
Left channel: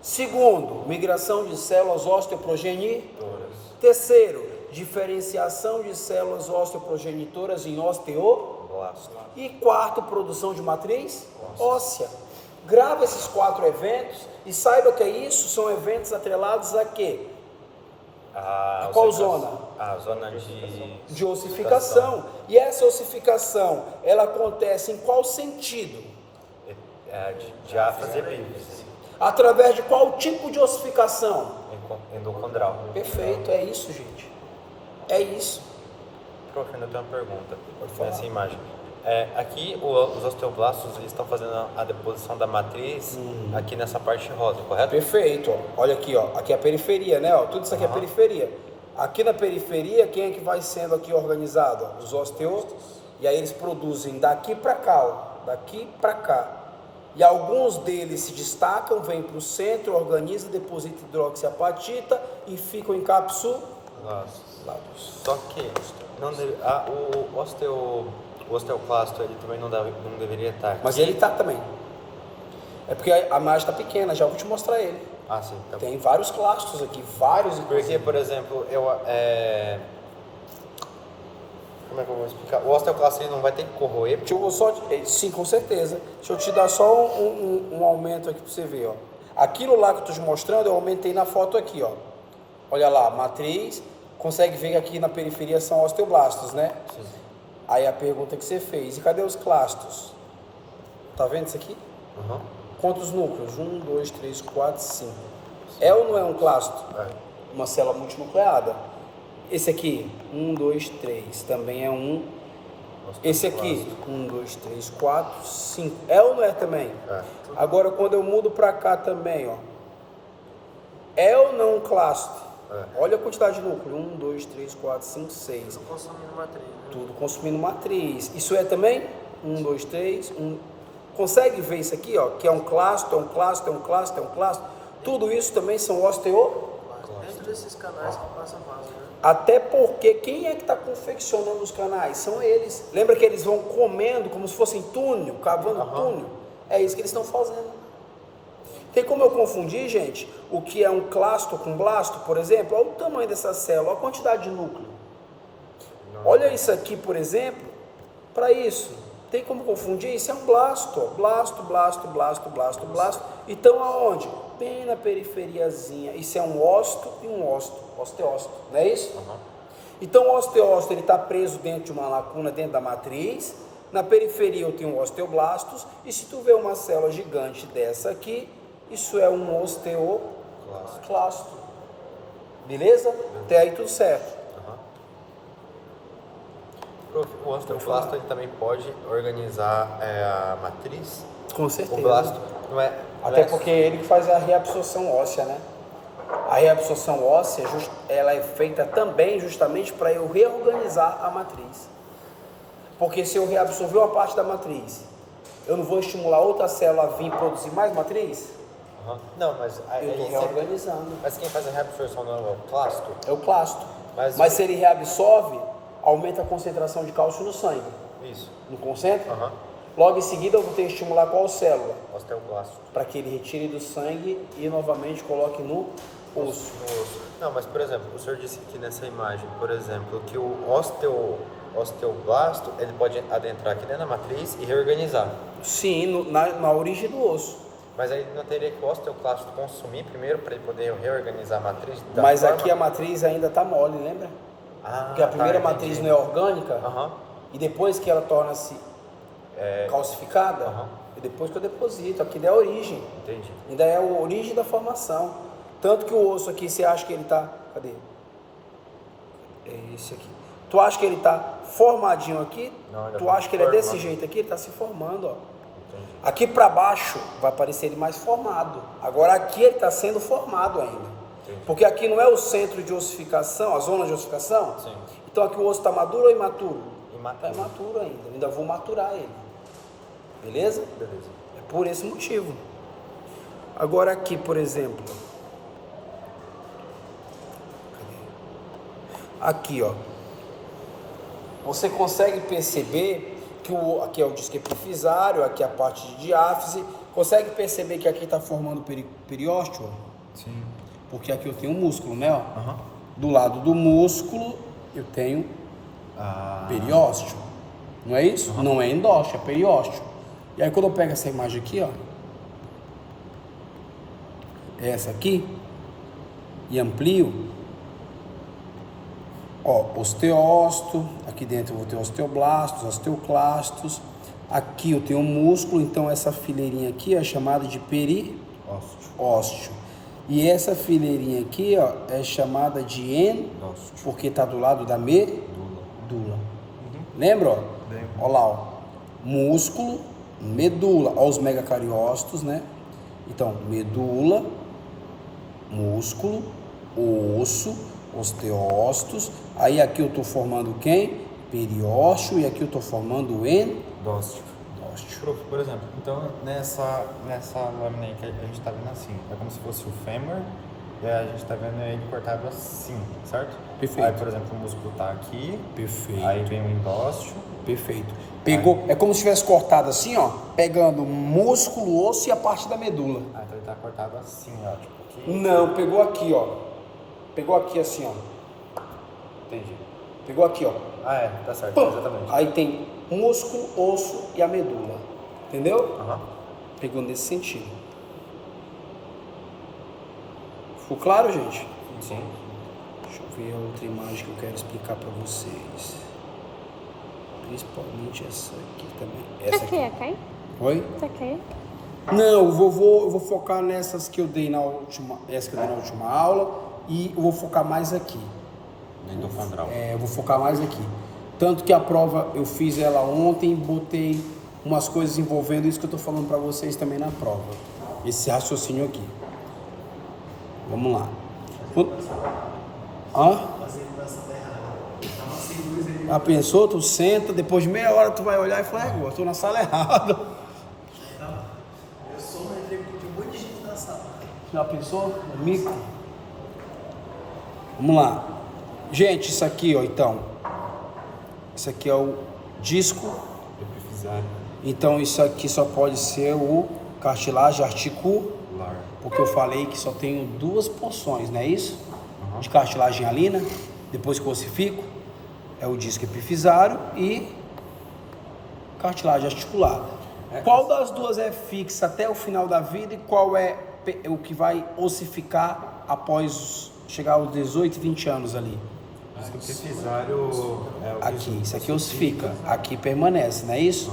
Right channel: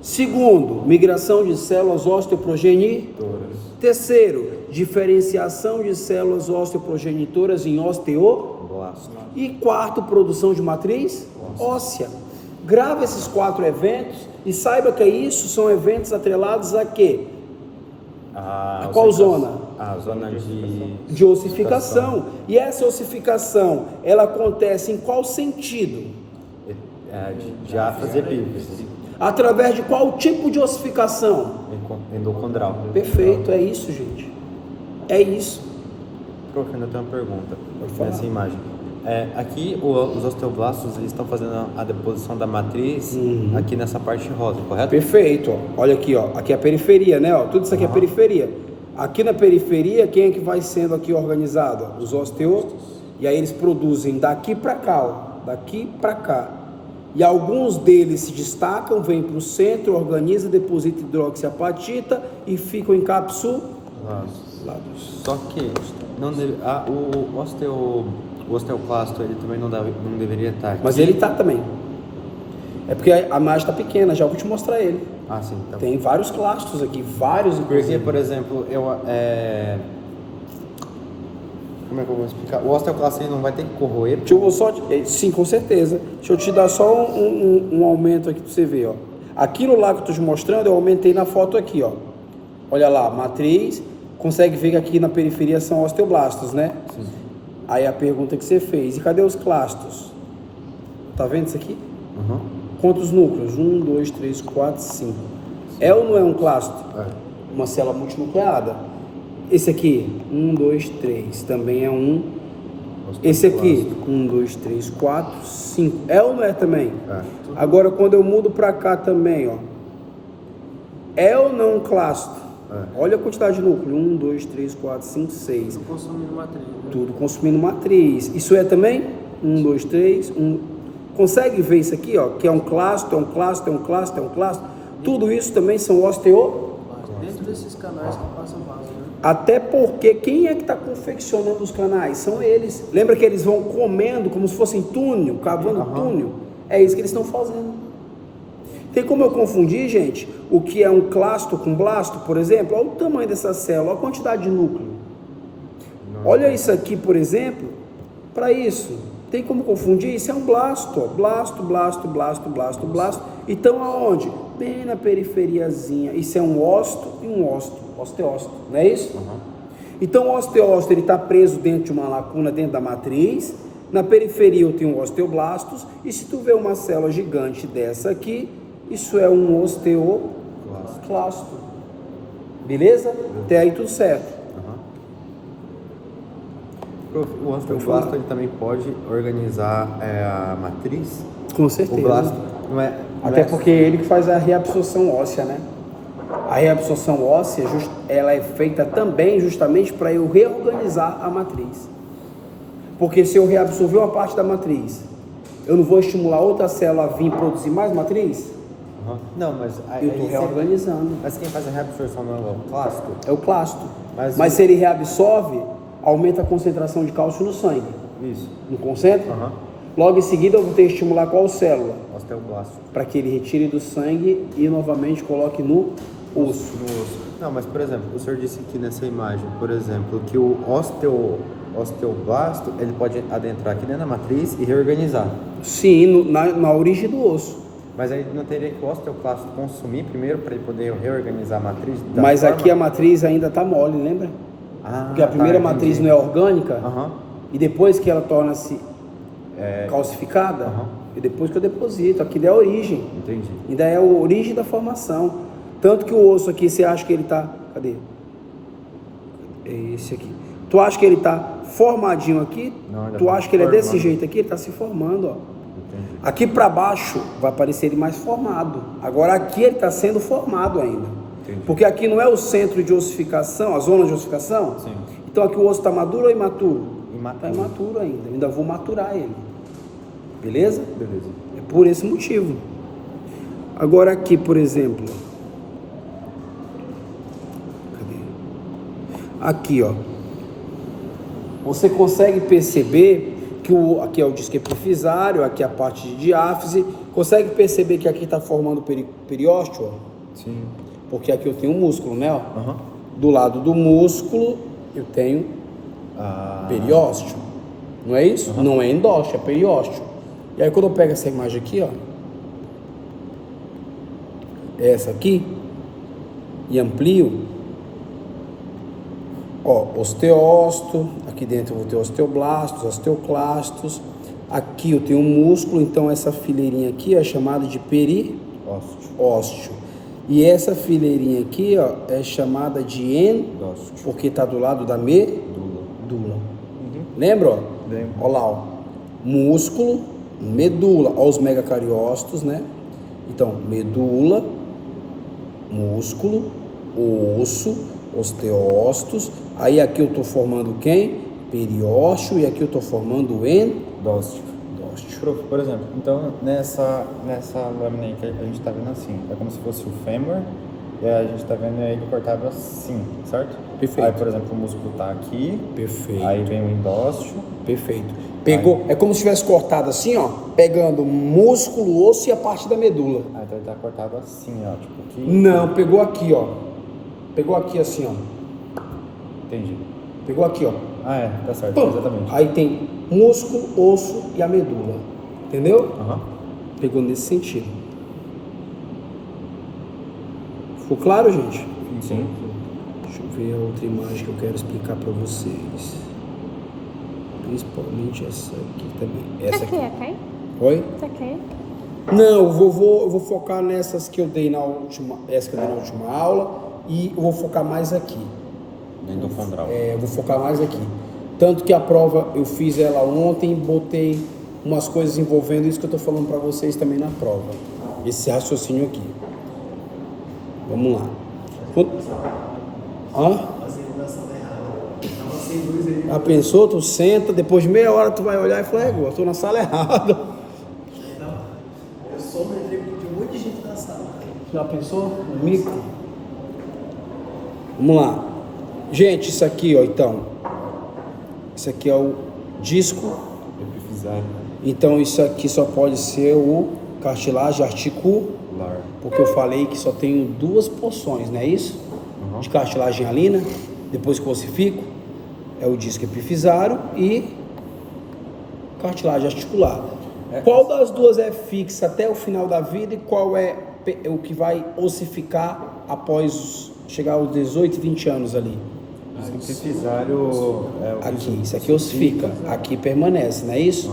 Segundo, migração de células osteoprogenitoras. Terceiro, diferenciação de células osteoprogenitoras em osteoblastos. E quarto, produção de matriz óssea. Grave esses 4 eventos e saiba que isso são eventos atrelados a quê? A qual zona? A zona de ossificação. E essa ossificação, ela acontece em qual sentido? Diáfise e epífise. Através de qual tipo de ossificação? Endocondral. Perfeito, é isso, gente. É isso. Prof, ainda tem uma pergunta nessa imagem. Aqui os osteoblastos estão fazendo a deposição da matriz aqui nessa parte rosa, correto? Perfeito. Ó. Olha aqui, ó. Aqui é a periferia, né? Ó. Tudo isso aqui é periferia. Aqui na periferia, quem é que vai sendo aqui organizado? Os osteoblastos. E aí eles produzem daqui para cá, ó. Daqui para cá. E alguns deles se destacam, vêm para o centro, organizam, depositam hidroxiapatita e ficam encapsulados. Só que o osteoclasto ele também não deveria estar aqui. Mas ele está também. É porque a imagem está pequena, já vou te mostrar ele. Ah, sim. Tá. Tem vários clastos aqui, vários. Porque, por exemplo, como é que eu vou explicar? O osteoclasto não vai ter que corroer? Sim, com certeza. Deixa eu te dar só um aumento aqui para você ver, ó. Aquilo lá que eu estou te mostrando, eu aumentei na foto aqui, ó. Olha lá, matriz. Consegue ver que aqui na periferia são osteoblastos, né? Sim. Aí a pergunta que você fez, e cadê os clastos? Tá vendo isso aqui? Uhum. Quantos núcleos? 1, 2, 3, 4, 5. É ou não é um clasto? Uma célula multinucleada. Esse aqui, 1, 2, 3, também é um. Esse aqui, 1, 2, 3, 4, 5. É ou não é também? Agora, quando eu mudo para cá também, ó. É ou não um clasto? Olha a quantidade de núcleo. 1, 2, 3, 4, 5, 6. Consumindo matriz. Tudo consumindo matriz. Isso é também? 1, 2, 3, 1. Consegue ver isso aqui, ó? Que é um clasto, é um clasto, é um clasto, é um clasto. Tudo isso também são osteoblastos. Dentro desses canais que passam vaso, né? Até porque quem é que está confeccionando os canais? São eles. Lembra que eles vão comendo como se fossem túnel, cavando túnel? É isso que eles estão fazendo. Tem como eu confundir, gente, o que é um clasto com blasto, por exemplo? Olha o tamanho dessa célula, olha a quantidade de núcleo. Olha isso aqui, por exemplo, para isso. Tem como confundir? Isso é um blasto, ó. Blasto, blasto, blasto, blasto, blasto. Então aonde? Bem na periferiazinha. Isso é um ósto e um ósto. Osteócito, não é isso? Então o osteócito ele está preso dentro de uma lacuna dentro da matriz. Na periferia eu tenho osteoblastos. E se tu vê uma célula gigante dessa aqui, isso é um osteoclasto. Beleza? Até aí tudo certo. O osteoclasto ele também pode organizar a matriz? Com certeza. O blasto não é... Até porque ele que faz a reabsorção óssea, né? A reabsorção óssea, ela é feita também justamente para eu reorganizar a matriz. Porque se eu reabsorver uma parte da matriz, eu não vou estimular outra célula a vir produzir mais matriz? Não, mas... Eu estou reorganizando. Mas quem faz a reabsorção não é o clasto? É o clasto. Mas se ele reabsorve, aumenta a concentração de cálcio no sangue. Isso. Não concentra? Logo em seguida eu vou ter que estimular qual célula? Osteoclasto. Para que ele retire do sangue e novamente coloque no osso. Não, mas por exemplo, o senhor disse aqui nessa imagem, por exemplo, que o osteoblasto, ele pode adentrar aqui dentro da matriz e reorganizar. Sim, na origem do osso. Mas aí não teria que o osteoclasto consumir primeiro para ele poder reorganizar a matriz? Mas aqui a matriz ainda está mole, lembra? Porque a primeira matriz não é orgânica, e depois que ela torna-se calcificada, e depois que eu deposito, aqui é a origem. Entendi. Ainda é a origem da formação. Tanto que o osso aqui, você acha que ele está... Cadê? É esse aqui. Tu acha que ele está formadinho aqui? Não, tu acha que ele é desse formando. jeito aqui? Ele está se formando, ó. Entendi. Aqui para baixo vai parecer ele mais formado. Agora aqui ele está sendo formado ainda. Entendi. Porque aqui não é o centro de ossificação, a zona de ossificação? Sim. Então aqui o osso está maduro ou imaturo? Imaturo. Está imaturo ainda. Ainda vou maturar ele. Beleza? Beleza. É por esse motivo. Agora aqui, por exemplo. Cadê? Aqui, ó. Você consegue perceber que aqui é o disco epifisário, aqui é a parte de diáfise. Consegue perceber que aqui está formando o periósteo? Ó? Sim. Porque aqui eu tenho um músculo, né? Ó. Do lado do músculo eu tenho periósteo. Não é isso? Não é endósteo, é periósteo. E aí quando eu pego essa imagem aqui, ó, essa aqui, e amplio, ó, osteócito, aqui dentro eu vou ter osteoblastos, osteoclastos, aqui eu tenho um músculo, então essa fileirinha aqui é chamada de periósteo. E essa fileirinha aqui, ó, é chamada de endósteo, porque está do lado da medula. Lembra, ó? Lembro. Ó lá, ó. Músculo, medula, ó, os megacariócitos, né? Então, medula, músculo, osso, osteócitos. Aí aqui eu estou formando quem? Periósteo. E aqui eu estou formando endósteo. Prof, por exemplo, então nessa lâmina aí que a gente tá vendo assim, é como se fosse o fêmur e a gente tá vendo ele cortado assim, certo? Perfeito. Aí, por exemplo, o músculo tá aqui, Perfeito. aí vem o endósteo. Perfeito. Pegou, é como se tivesse cortado assim, ó, pegando músculo, osso e a parte da medula. Ah, então ele tá cortado assim, ó, tipo aqui. Não, pegou aqui, ó. Pegou aqui assim, ó. Entendi. Pegou aqui, ó. Ah, é, tá certo, Pum. exatamente. Aí tem músculo, osso e a medula. Entendeu? Pegou nesse sentido. Ficou claro, gente? Sim. Deixa eu ver a outra imagem que eu quero explicar para vocês. Principalmente essa aqui também. Essa aqui. Oi? Não, eu vou focar nessas que eu dei na última, essa que eu dei na última aula, e eu vou focar mais aqui. Endofondral. Eu vou focar mais aqui. Tanto que a prova eu fiz ela ontem, botei umas coisas envolvendo isso que eu estou falando para vocês também na prova. Esse raciocínio aqui. Vamos lá. Já pensou? Tu senta, depois de meia hora tu vai olhar e fala, eu estou na sala errada. Eu só me lembrei de um monte de gente na sala. Já pensou? Micro. Vamos lá. Gente, isso aqui, ó, então. Isso aqui é o disco. Epifisário. Então isso aqui só pode ser o cartilagem articular, porque eu falei que só tenho 2 porções, não é isso? De cartilagem alina, depois que eu ossifico, é o disco epifisário e cartilagem articular. Qual das duas é fixa até o final da vida e qual é o que vai ossificar após chegar aos 18, 20 anos ali? O epifisário é o Aqui, isso aqui ossifica, aqui permanece, não é isso?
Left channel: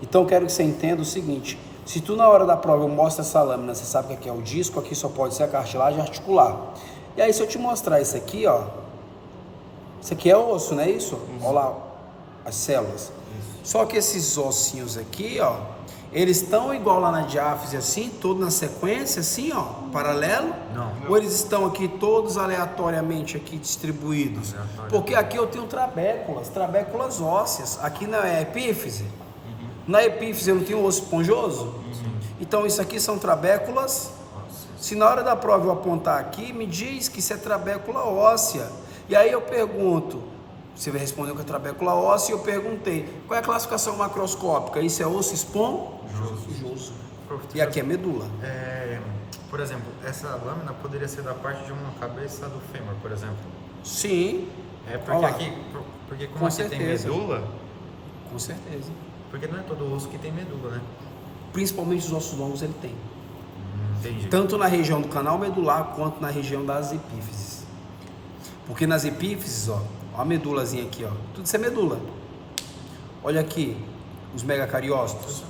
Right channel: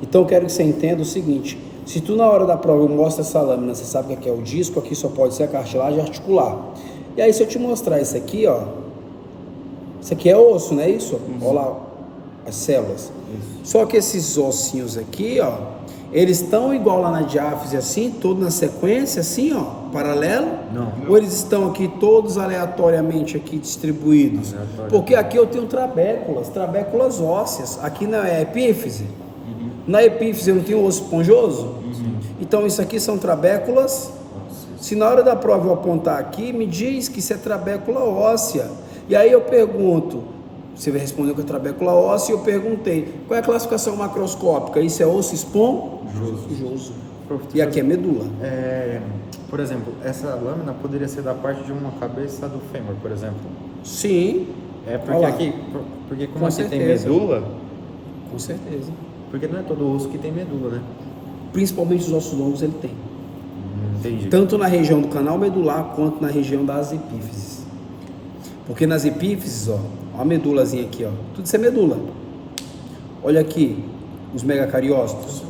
Então eu quero que você entenda o seguinte: se tu na hora da prova eu mostro essa lâmina, você sabe que aqui é o disco, aqui só pode ser a cartilagem articular. E aí se eu te mostrar isso aqui, ó, isso aqui é osso, não é isso? Olha lá as células. Só que esses ossinhos aqui, ó, eles estão igual lá na diáfise assim, todos na sequência assim, ó, paralelo? Não. Ou eles estão aqui todos aleatoriamente aqui distribuídos? Porque aqui eu tenho trabéculas ósseas, aqui não é epífise. Na epífise eu não tenho osso esponjoso? Então isso aqui são trabéculas. Se na hora da prova eu apontar aqui, me diz que isso é trabécula óssea. E aí eu pergunto, você vai responder com a trabécula óssea, e eu perguntei, qual é a classificação macroscópica? Isso é osso esponjoso. E aqui é medula. Por exemplo, essa lâmina poderia ser da parte de uma cabeça do fêmur, por exemplo. Sim. É porque Olha lá. aqui, porque como Com aqui tem certeza. medula, Com certeza. porque não é todo osso que tem medula, né? Principalmente os ossos longos ele tem. Entendi. Tanto na região do canal medular quanto na região das epífises. Porque nas epífises, ó a medulazinha aqui, ó, tudo isso é medula. Olha aqui, os megacariócitos.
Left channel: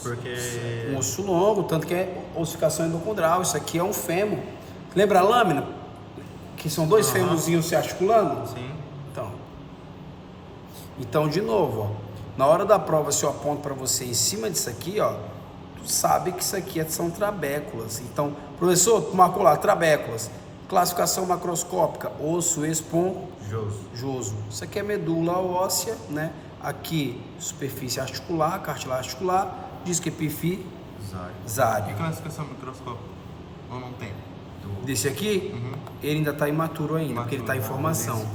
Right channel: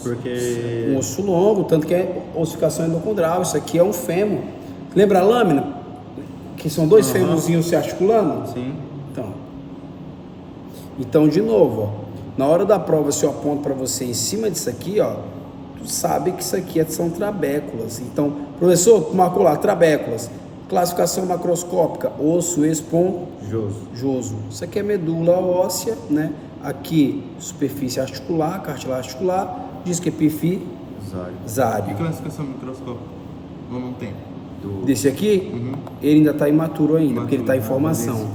Porque Um osso longo, tanto que é ossificação endocondral. Isso aqui é um fêmur. Lembra a lâmina? Que são 2 fêmurzinhos se articulando? sim. Então, de novo, ó, na hora da prova, se eu aponto para você em cima disso aqui, ó, tu sabe que isso aqui são trabéculas. Então, professor, tu marcou lá, trabéculas. Classificação macroscópica, osso esponjoso. Isso aqui é medula óssea, né? Aqui, superfície articular, cartilagem articular, disco epifisário. E classificação microscópica? Ou não tem? Desse aqui, ele ainda está imaturo ainda, porque ele está em formação.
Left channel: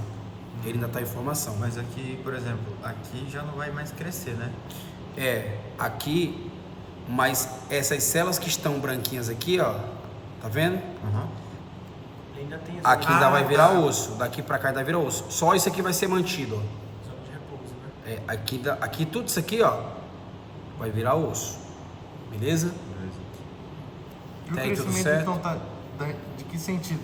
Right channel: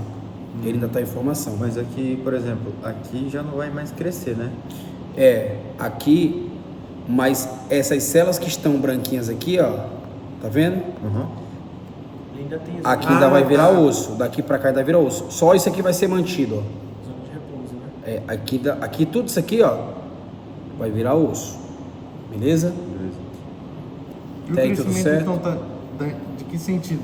Ele ainda está em formação. Mas aqui, por exemplo, aqui já não vai mais crescer, né? Aqui, mas essas células que estão branquinhas aqui, ó, tá vendo? Ainda tem Aqui ainda vai virar osso, daqui para cá ainda vira osso. Só isso aqui vai ser mantido, ó. zona de repouso, né? Aqui tudo isso aqui, ó, vai virar osso. Beleza? E o Tá aí tudo crescimento, certo? então, tá de que sentido?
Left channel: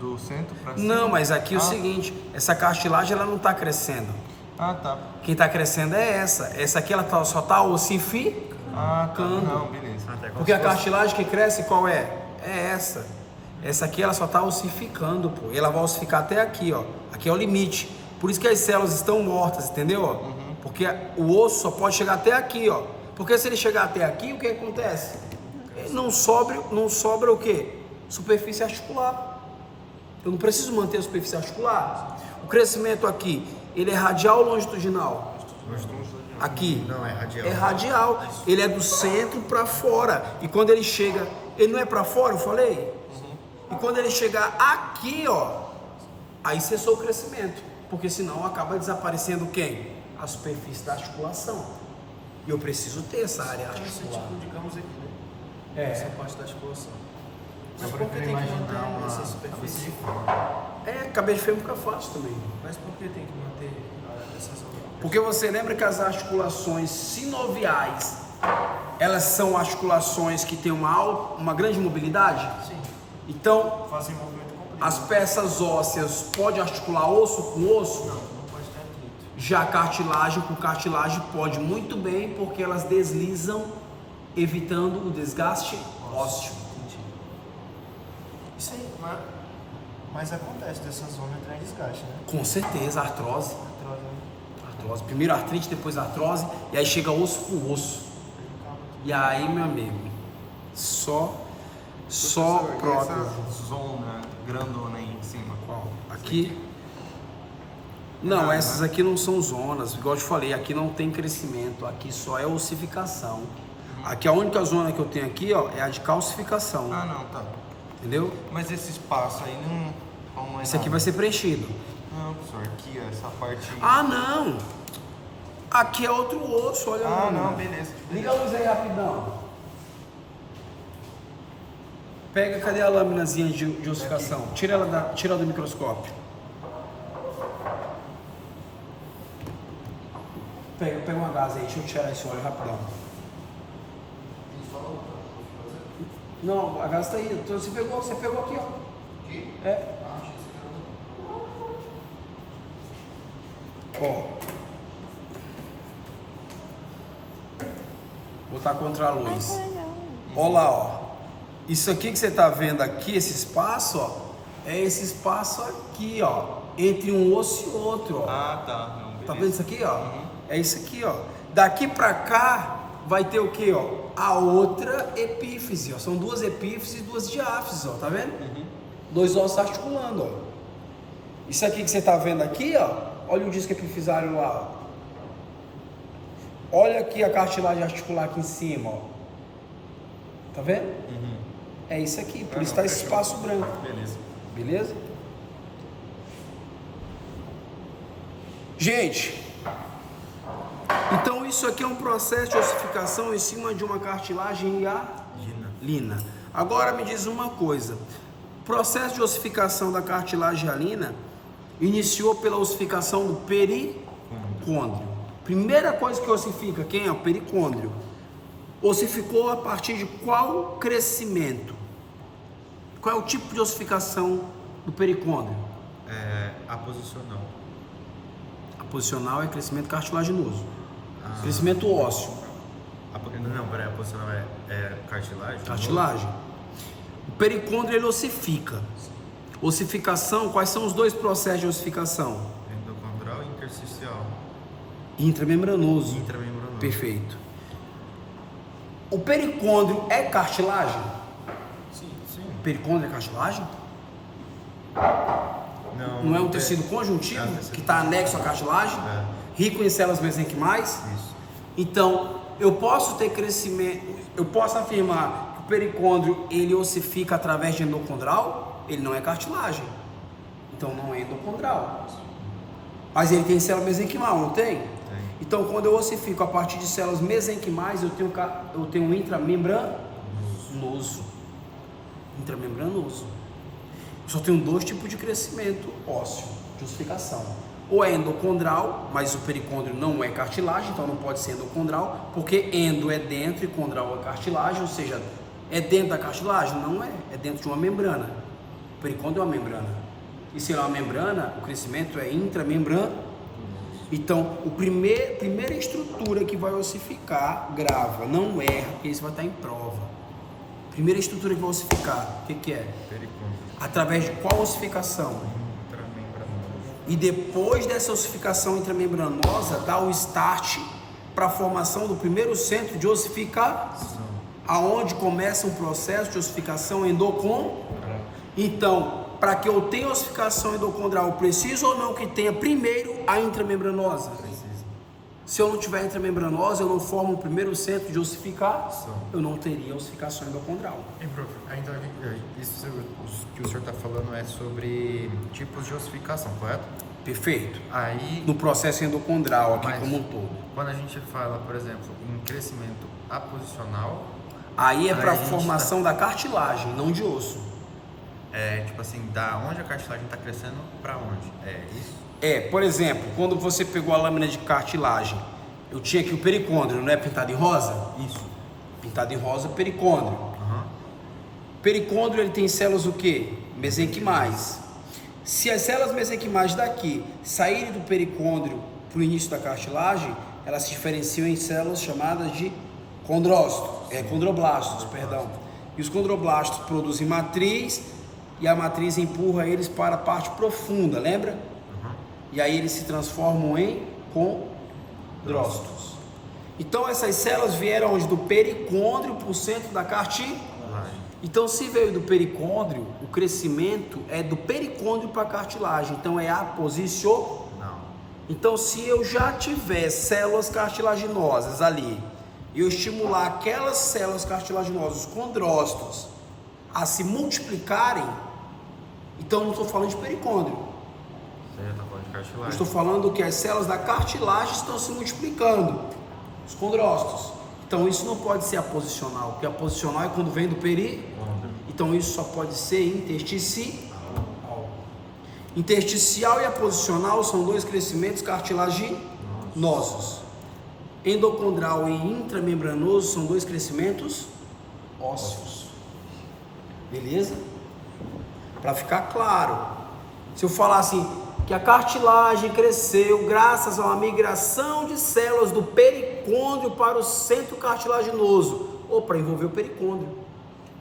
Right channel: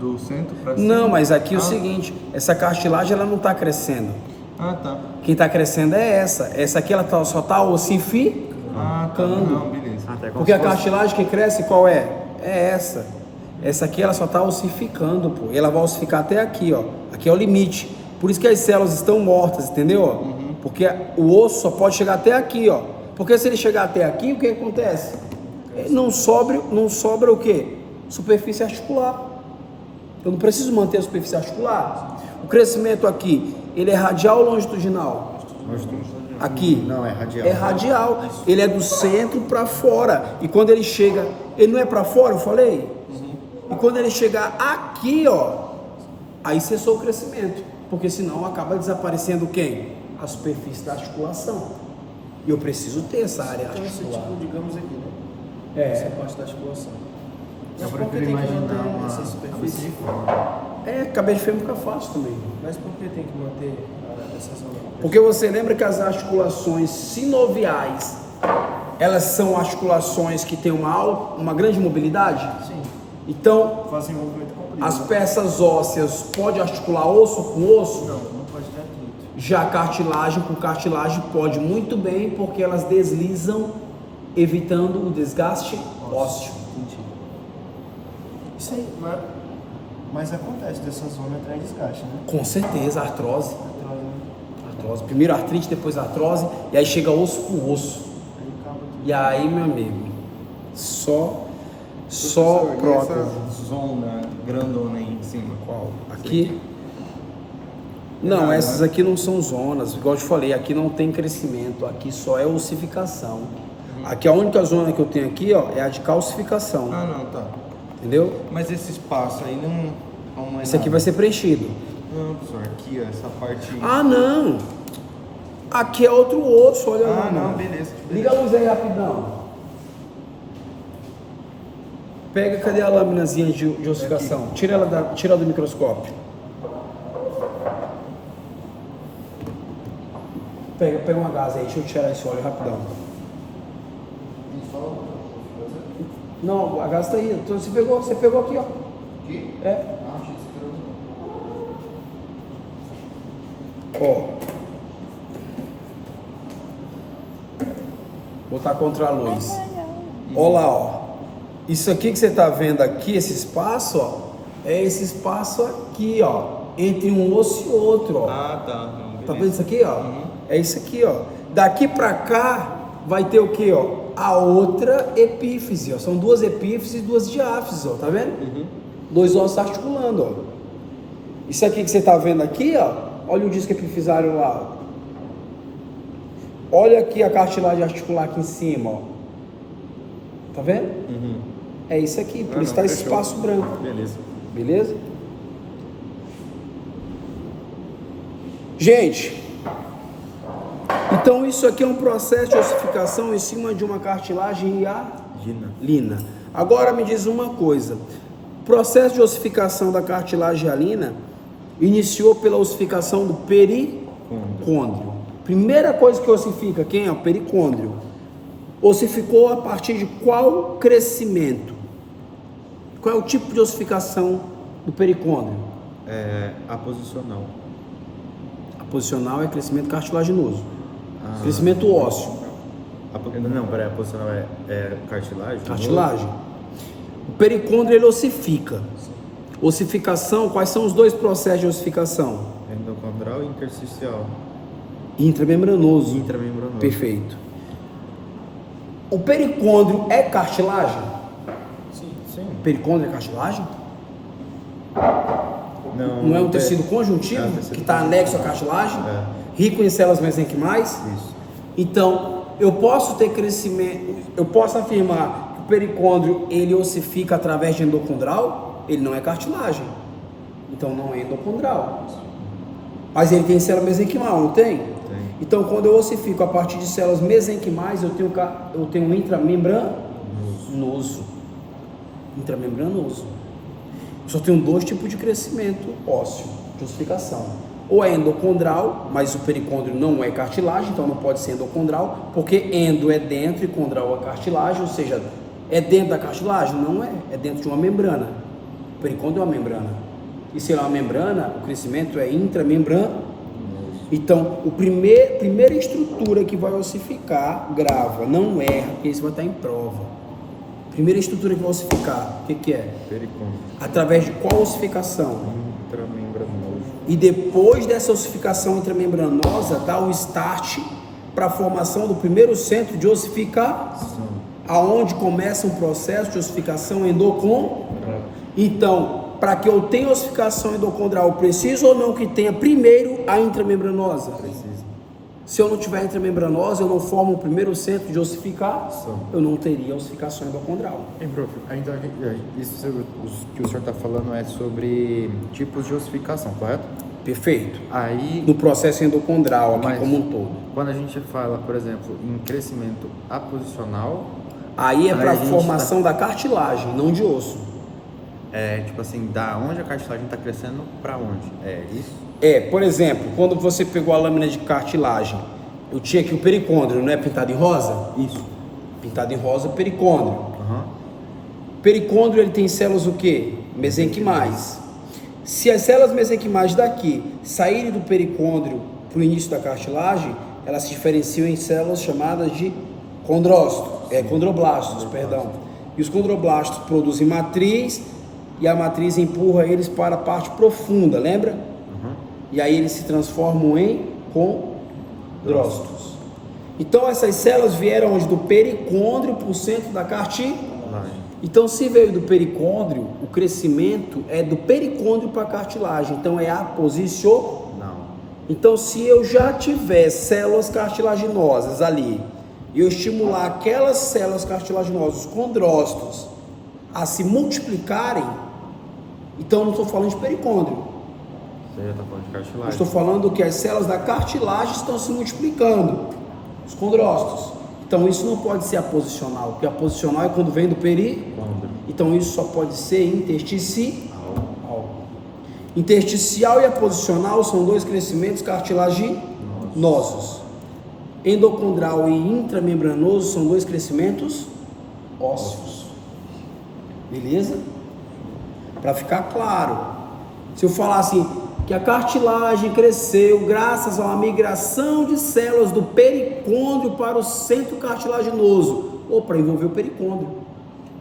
Do centro para cima? Não, mas aqui é o seguinte, essa cartilagem ela não está crescendo. Ah, tá. Quem está crescendo é essa. Essa aqui ela só está ossificando. Ah, tá. Não, beleza. Até como Porque se a fosse- cartilagem que cresce qual é? É essa. Essa aqui ela só está ossificando, pô. Ela vai ossificar até aqui, ó. Aqui é o limite. Por isso que as células estão mortas, entendeu? Porque o osso só pode chegar até aqui, ó. Porque se ele chegar até aqui, o que acontece? Não sobra o quê? Superfície articular. Eu não preciso manter a superfície articular. O crescimento aqui, ele é radial ou longitudinal? Aqui. Não, é radial. É radial. Ele é do centro para fora. E quando ele chega, ele não é para fora, eu falei? E quando ele chegar aqui, ó, aí cessou o crescimento. Porque senão acaba desaparecendo quem? A superfície da articulação. E eu preciso ter essa área Então, esse articular. tipo, digamos aqui, né? Essa parte da articulação. Mas Só por para que tem que imaginar manter uma essa cabeça superfície? de fêmur. Cabeça de fêmur fica fácil também. Mas por que tem que manter essa zona? Porque você lembra que as articulações sinoviais, elas são articulações que têm uma grande mobilidade? Sim. Então, Fazem movimento comprido. as peças ósseas pode articular osso com osso? Não pode ter atrito. Já cartilagem com cartilagem pode muito bem, porque elas deslizam, evitando o desgaste ósseo. Entendi. Isso aí, mas acontece dessa zona entrar em desgaste, né? Com certeza, artrose. Atrás, né? Artrose. Primeiro artrite, depois artrose, e aí chega osso com osso. Aí acaba tudo. E aí, meu amigo, só Professor, e próprio. essa zona grandona aí em cima? Qual? Aqui? Não, Nada, essas né? aqui não são zonas. Igual eu te falei, aqui não tem crescimento. Aqui só é ossificação. Aqui a única zona que eu tenho aqui, ó, é a de calcificação. Ah, não, tá. Entendeu? Mas esse espaço aí não... Como é Isso aqui nada? vai ser preenchido. Não, professor, aqui, ó, essa parte... Ah, não! Aqui é outro osso, olha lá. Ah, não, beleza. Liga a luz aí rapidão. Pega, cadê a lâminazinha de ossificação? Tira ela do microscópio. Pega uma gás aí, deixa eu tirar esse óleo rapidão. Não, a gás tá aí. Então, você pegou aqui, ó. Aqui? É. Ó. Botar contra a luz. Olha lá, ó. Isso aqui que você tá vendo aqui, esse espaço, ó, é esse espaço aqui, ó, entre um osso e outro, ó. Ah, tá. Não, Tá vendo isso aqui, ó? É isso aqui, ó. Daqui pra cá vai ter o que, ó? A outra epífise, ó. São duas epífises e duas diáfises, ó. Tá vendo? Dois ossos articulando, ó. Isso aqui que você tá vendo aqui, ó. Olha o disco epifisário lá, ó. Olha aqui a cartilagem articular aqui em cima, ó. Tá vendo? É isso aqui, por isso tá esse espaço branco. Beleza. Beleza? Gente, então isso aqui é um processo de ossificação em cima de uma cartilagem hialina. Agora me diz uma coisa. O processo de ossificação da cartilagem hialina iniciou pela ossificação do pericôndrio. Primeira coisa que ossifica, quem é? O pericôndrio. Ossificou a partir de qual crescimento? Qual é o tipo de ossificação do pericôndrio? É, a posicional. A posicional é crescimento cartilaginoso. Crescimento ósseo. Não, peraí, a posicional é cartilagem? Cartilagem. O pericôndrio ele ossifica. Ossificação, quais são os dois processos de ossificação? Endocondral e intersticial. Intramembranoso. Intramembranoso. Perfeito. O pericôndrio é cartilagem? Sim. O pericôndrio é cartilagem? Não é um tecido conjuntivo É um tecido que está anexo à cartilagem? É. Rico em células mesenquimais? Isso. Então, eu posso ter crescimento, eu posso afirmar que o pericôndrio ele ossifica através de endocondral? Ele não é cartilagem. Então não é endocondral. Mas ele tem célula mesenquimal, não tem? Tem. Então, quando eu ossifico a partir de células mesenquimais, eu tenho um intramembranoso. Intramembranoso. Eu só tenho dois tipos de crescimento ósseo, de ossificação. Ou é endocondral, mas o pericôndrio não é cartilagem, então não pode ser endocondral, porque endo é dentro e condral é cartilagem, ou seja, é dentro da cartilagem? Não é, é dentro de uma membrana. O pericôndrio é uma membrana. E se é uma membrana, o crescimento é intramembranoso. Então, a primeira estrutura que vai ossificar, grava, não erra, porque isso vai estar em prova. Primeira estrutura que vai ossificar, o que é? Pericôndrio. Através de qual ossificação? Intramembranoso. E depois dessa ossificação intramembranosa, dá o start para a formação do primeiro centro de ossificação, aonde começa um processo de ossificação endocondral. Então, para que eu tenha ossificação endocondral, preciso ou não que tenha primeiro a intramembranosa? Precisa. Se eu não tiver intramembranosa, eu não formo o primeiro centro de ossificação, eu não teria ossificação endocondral. Hein, prof, então isso que o senhor está falando é sobre tipos de ossificação, correto? Perfeito. Aí, No processo endocondral aqui Mas- como um todo. quando a gente fala, por exemplo, em crescimento aposicional, Aí é Aí para a a gente formação da cartilagem, não de osso. é tipo assim, da onde a cartilagem está crescendo para onde? É isso? Por exemplo, quando você pegou a lâmina de cartilagem, eu tinha aqui o pericôndrio, não é pintado em rosa? Isso. Pintado em rosa, pericôndrio. Aham. Pericôndrio ele tem células o quê? Mesenquimais. Se as células mesenquimais daqui saírem do pericôndrio para o início da cartilagem, elas se diferenciam em células chamadas de condroblastos, perdão. E os condroblastos produzem matriz e a matriz empurra eles para a parte profunda, lembra? Aham. E aí eles se transformam em condrócitos. Então essas células vieram onde? Do pericôndrio para o centro da cartilagem. Então se veio do pericôndrio, o crescimento é do pericôndrio para a cartilagem. Então é aposicional. Não. Então se eu já tiver células cartilaginosas ali e eu estimular aquelas células cartilaginosas, os condrócitos, a se multiplicarem, Então eu não estou falando de pericôndrio. Você tá falando de Eu cartilagem. estou falando que as células da cartilagem estão se multiplicando, os condrócitos. Então isso não pode ser aposicional, porque aposicional é quando vem do pericôndrio. Então isso só pode ser intersticial. Intersticial e aposicional são dois crescimentos cartilaginosos. Endocondral e intramembranoso são dois crescimentos ósseos. Beleza? Para ficar claro, se eu falar assim, que a cartilagem cresceu graças a uma migração de células do pericôndrio para o centro cartilaginoso, ou para envolver o pericôndrio.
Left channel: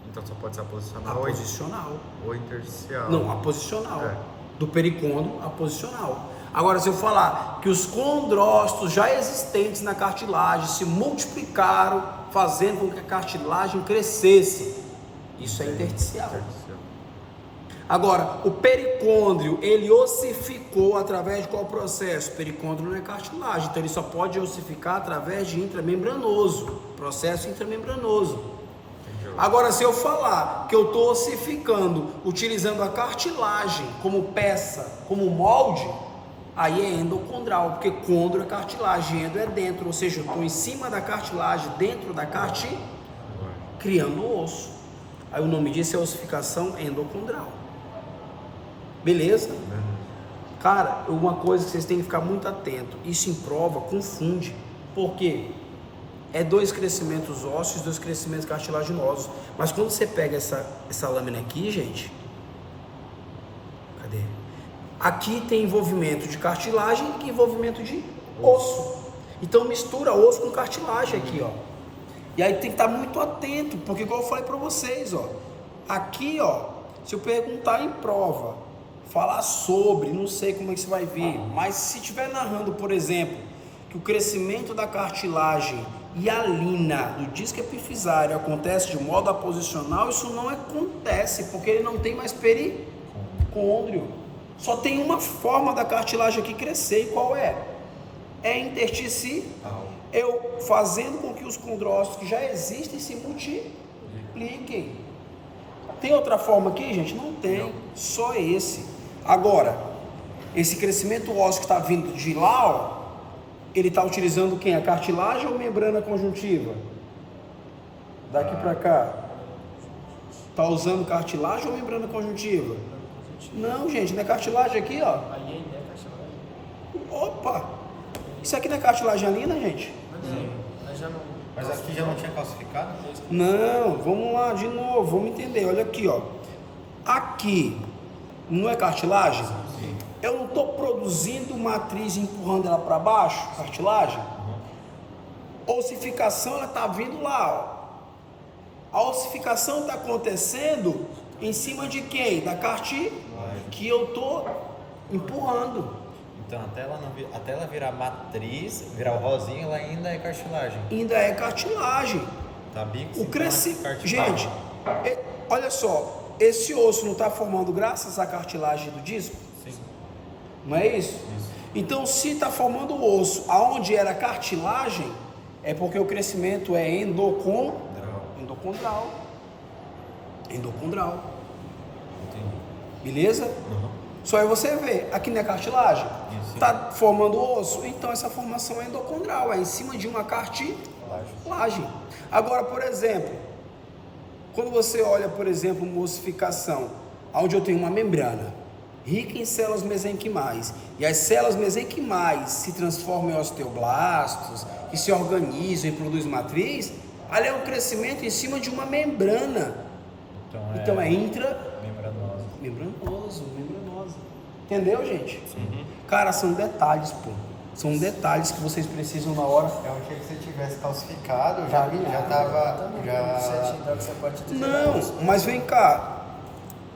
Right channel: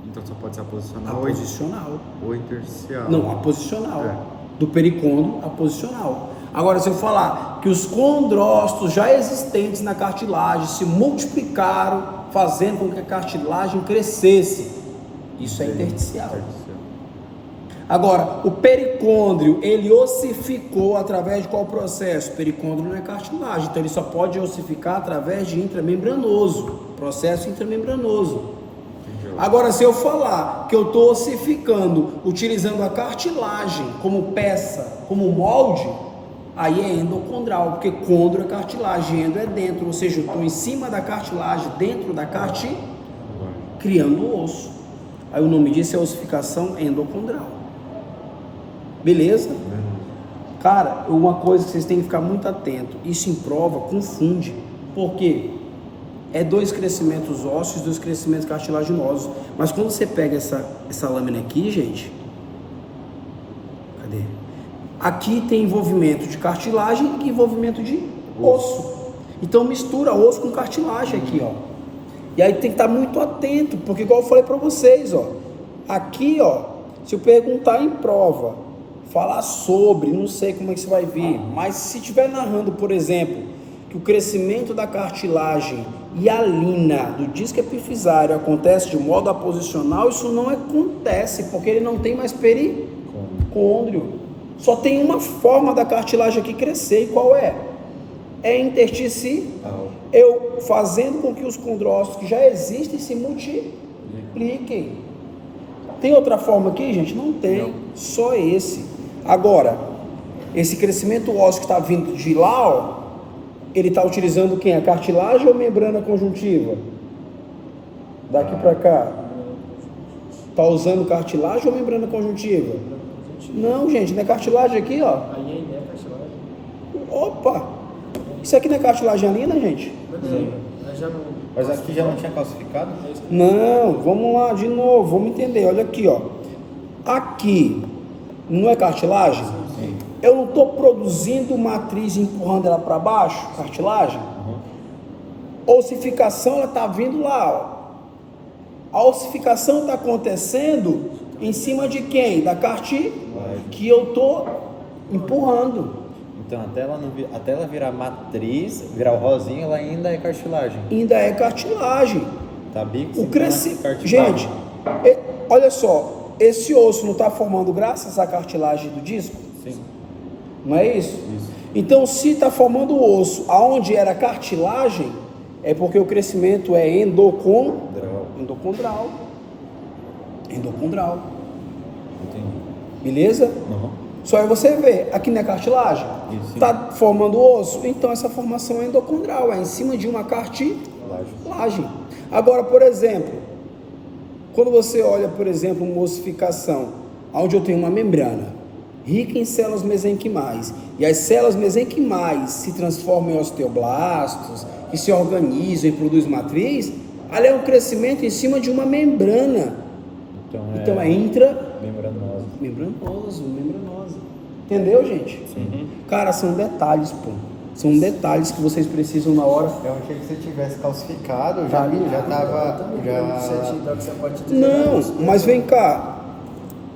Então só pode ser aposicional Aposicional. ou intersticial. Não, aposicional. É. Do pericôndrio, aposicional. Agora, se eu falar que os condrócitos já existentes na cartilagem se multiplicaram, fazendo com que a cartilagem crescesse, isso é intersticial. Agora, o pericôndrio, ele ossificou através de qual processo? O pericôndrio não é cartilagem, então ele só pode ossificar através de intramembranoso, processo intramembranoso. Agora, se eu falar que eu estou ossificando utilizando a cartilagem como peça, como molde, aí é endocondral, porque condro é cartilagem, endo é dentro, ou seja, eu estou em cima da cartilagem, dentro da cartilagem, criando o osso. Aí o nome disso é ossificação endocondral. Beleza? Cara, uma coisa que vocês têm que ficar muito atento, isso em prova confunde, porque é dois crescimentos ósseos, dois crescimentos cartilaginosos, mas quando você pega essa lâmina aqui, gente, cadê? Aqui tem envolvimento de cartilagem e envolvimento de osso, então mistura osso com cartilagem aqui, ó, e aí tem que estar muito atento, porque igual eu falei para vocês, ó, aqui, ó, se eu perguntar em prova, falar sobre, não sei como é que você vai vir, mas se estiver narrando, por exemplo, que o crescimento da cartilagem hialina do disco epifisário acontece de modo aposicional, isso não acontece, porque ele não tem mais pericôndrio. Só tem uma forma da cartilagem aqui crescer, e qual é? É intersticial. Eu fazendo com que os condrócitos que já existem se multipliquem. Tem outra forma aqui, gente? Não tem, só esse. Agora, esse crescimento ósseo que está vindo de lá, ó, ele está utilizando quem? A cartilagem ou membrana conjuntiva? Daqui para cá. Está usando cartilagem ou membrana conjuntiva? Não, gente, não é cartilagem aqui, ó. Aí é cartilagem. Opa! Isso aqui não é cartilagem alina, gente? Mas já não. Mas aqui já não tinha calcificado? Não, vamos lá de novo, vamos entender. Olha aqui, ó. Aqui não é cartilagem? Sim. Eu não estou produzindo matriz e empurrando ela para baixo, cartilagem? Ossificação, ela está vindo lá, ó. A ossificação está acontecendo em cima de quem? Da cartilagem que eu estou empurrando. Então até ela virar matriz, virar o rosinho, ela ainda é cartilagem. Ainda é cartilagem. Tá bico, O crescimento. cartilagem. Gente, olha só, esse osso não está formando graças à cartilagem do disco? Sim. Não é isso? Então, se está formando o osso aonde era cartilagem, é porque o crescimento é endocondral. Entendi. Beleza? Uhum. Só aí você vê, aqui não é cartilagem? Está formando o osso? Então essa formação é endocondral, é em cima de uma cartilagem. Agora, por exemplo, quando você olha, por exemplo, uma ossificação, onde eu tenho uma membrana rica em células mesenquimais, e as células mesenquimais se transformam em osteoblastos, que se organizam e produzem matriz, ali é um crescimento em cima de uma membrana. Então é membranoso. Entendeu, gente? Uhum. Cara, são detalhes, pô. São detalhes que vocês precisam na hora. Eu achei que você tivesse calcificado, Tá já alinhado. tava. Não, mas vem cá.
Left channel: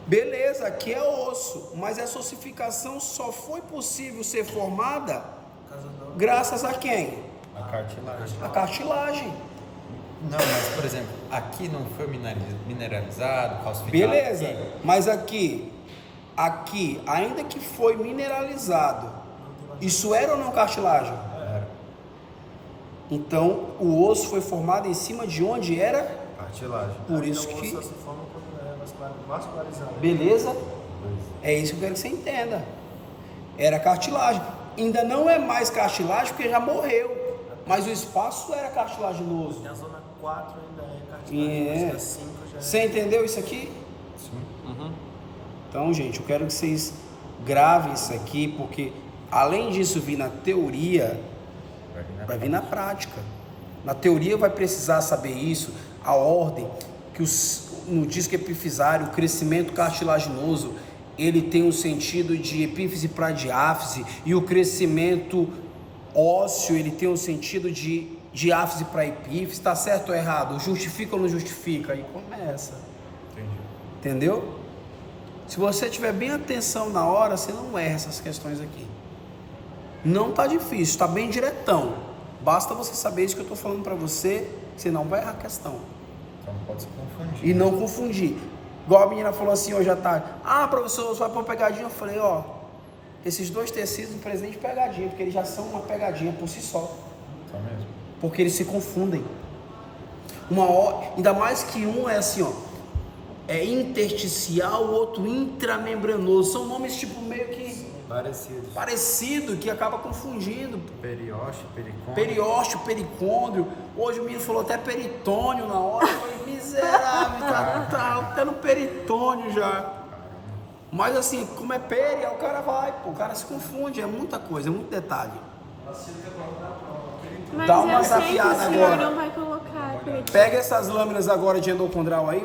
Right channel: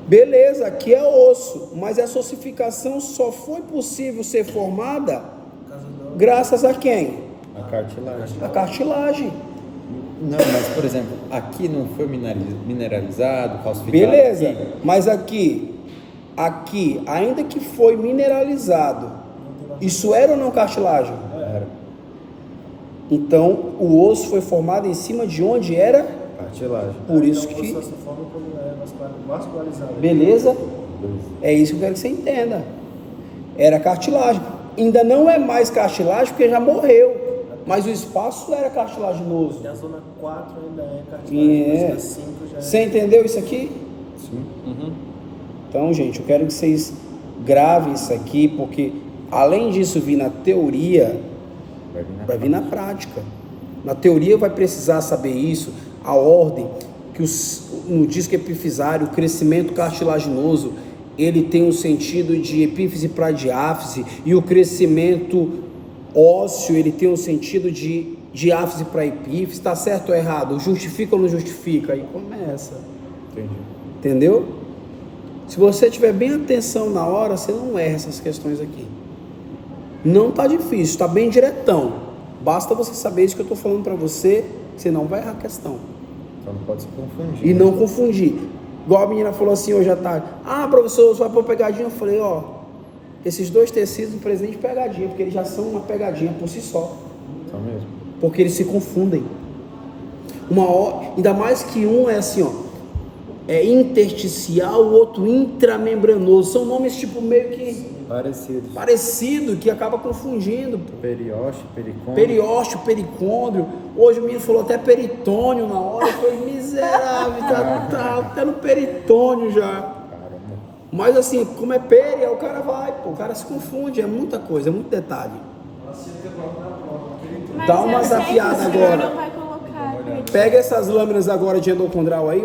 Beleza, aqui é osso, mas essa ossificação só foi possível ser formada graças a quem? A cartilagem. A cartilagem. Não, mas por exemplo, aqui não foi mineralizado, calcificado. Beleza, mas aqui, ainda que foi mineralizado, isso era ou não cartilagem? Era. Então, o osso foi formado em cima de onde era Cartilagem. Por isso Então, que... só se forma quando é vascularizado. Beleza? É isso que eu quero que você entenda. Era cartilagem. Ainda não é mais cartilagem porque já morreu. Mas o espaço era cartilaginoso. E a zona 4 ainda é cartilagem, mas a 5 já é... Você entendeu isso aqui? Sim. Então, gente, eu quero que vocês gravem isso aqui, porque além disso vir na teoria, vai vir na prática. Na teoria vai precisar saber isso, a ordem, que no disco epifisário, o crescimento cartilaginoso, ele tem um sentido de epífise para diáfise, e o crescimento ósseo, ele tem um sentido de diáfise para epífise. Está certo ou errado? Justifica ou não justifica? Aí começa. Entendi. Entendeu? Se você tiver bem atenção na hora, você não erra essas questões aqui. Não tá difícil, está bem diretão. Basta você saber isso que eu estou falando para você, que você não vai errar a questão. Então não pode se confundir. E não confundir. Igual a menina falou assim hoje à tarde: ah, professor, você vai pôr pegadinha? Eu falei: ó, esses dois tecidos não precisam de pegadinha, porque eles já são uma pegadinha por si só. Então mesmo. Porque eles se confundem. Ainda mais que um é assim, ó, é intersticial, o outro intramembranoso. São nomes tipo meio que parecido, que acaba confundindo. Periósteo, pericôndrio. Periósteo, pericôndrio. Hoje o menino falou até peritônio na hora. Eu falei: miserável, tá até no peritônio já. Caramba. Mas assim, como é peri, aí o cara vai, pô, o cara se confunde. É muita coisa, é muito detalhe. Mas Dá uma eu sei zapiada que o senhor agora. não vai colocar, acredito. Pega essas lâminas agora de endocondral aí.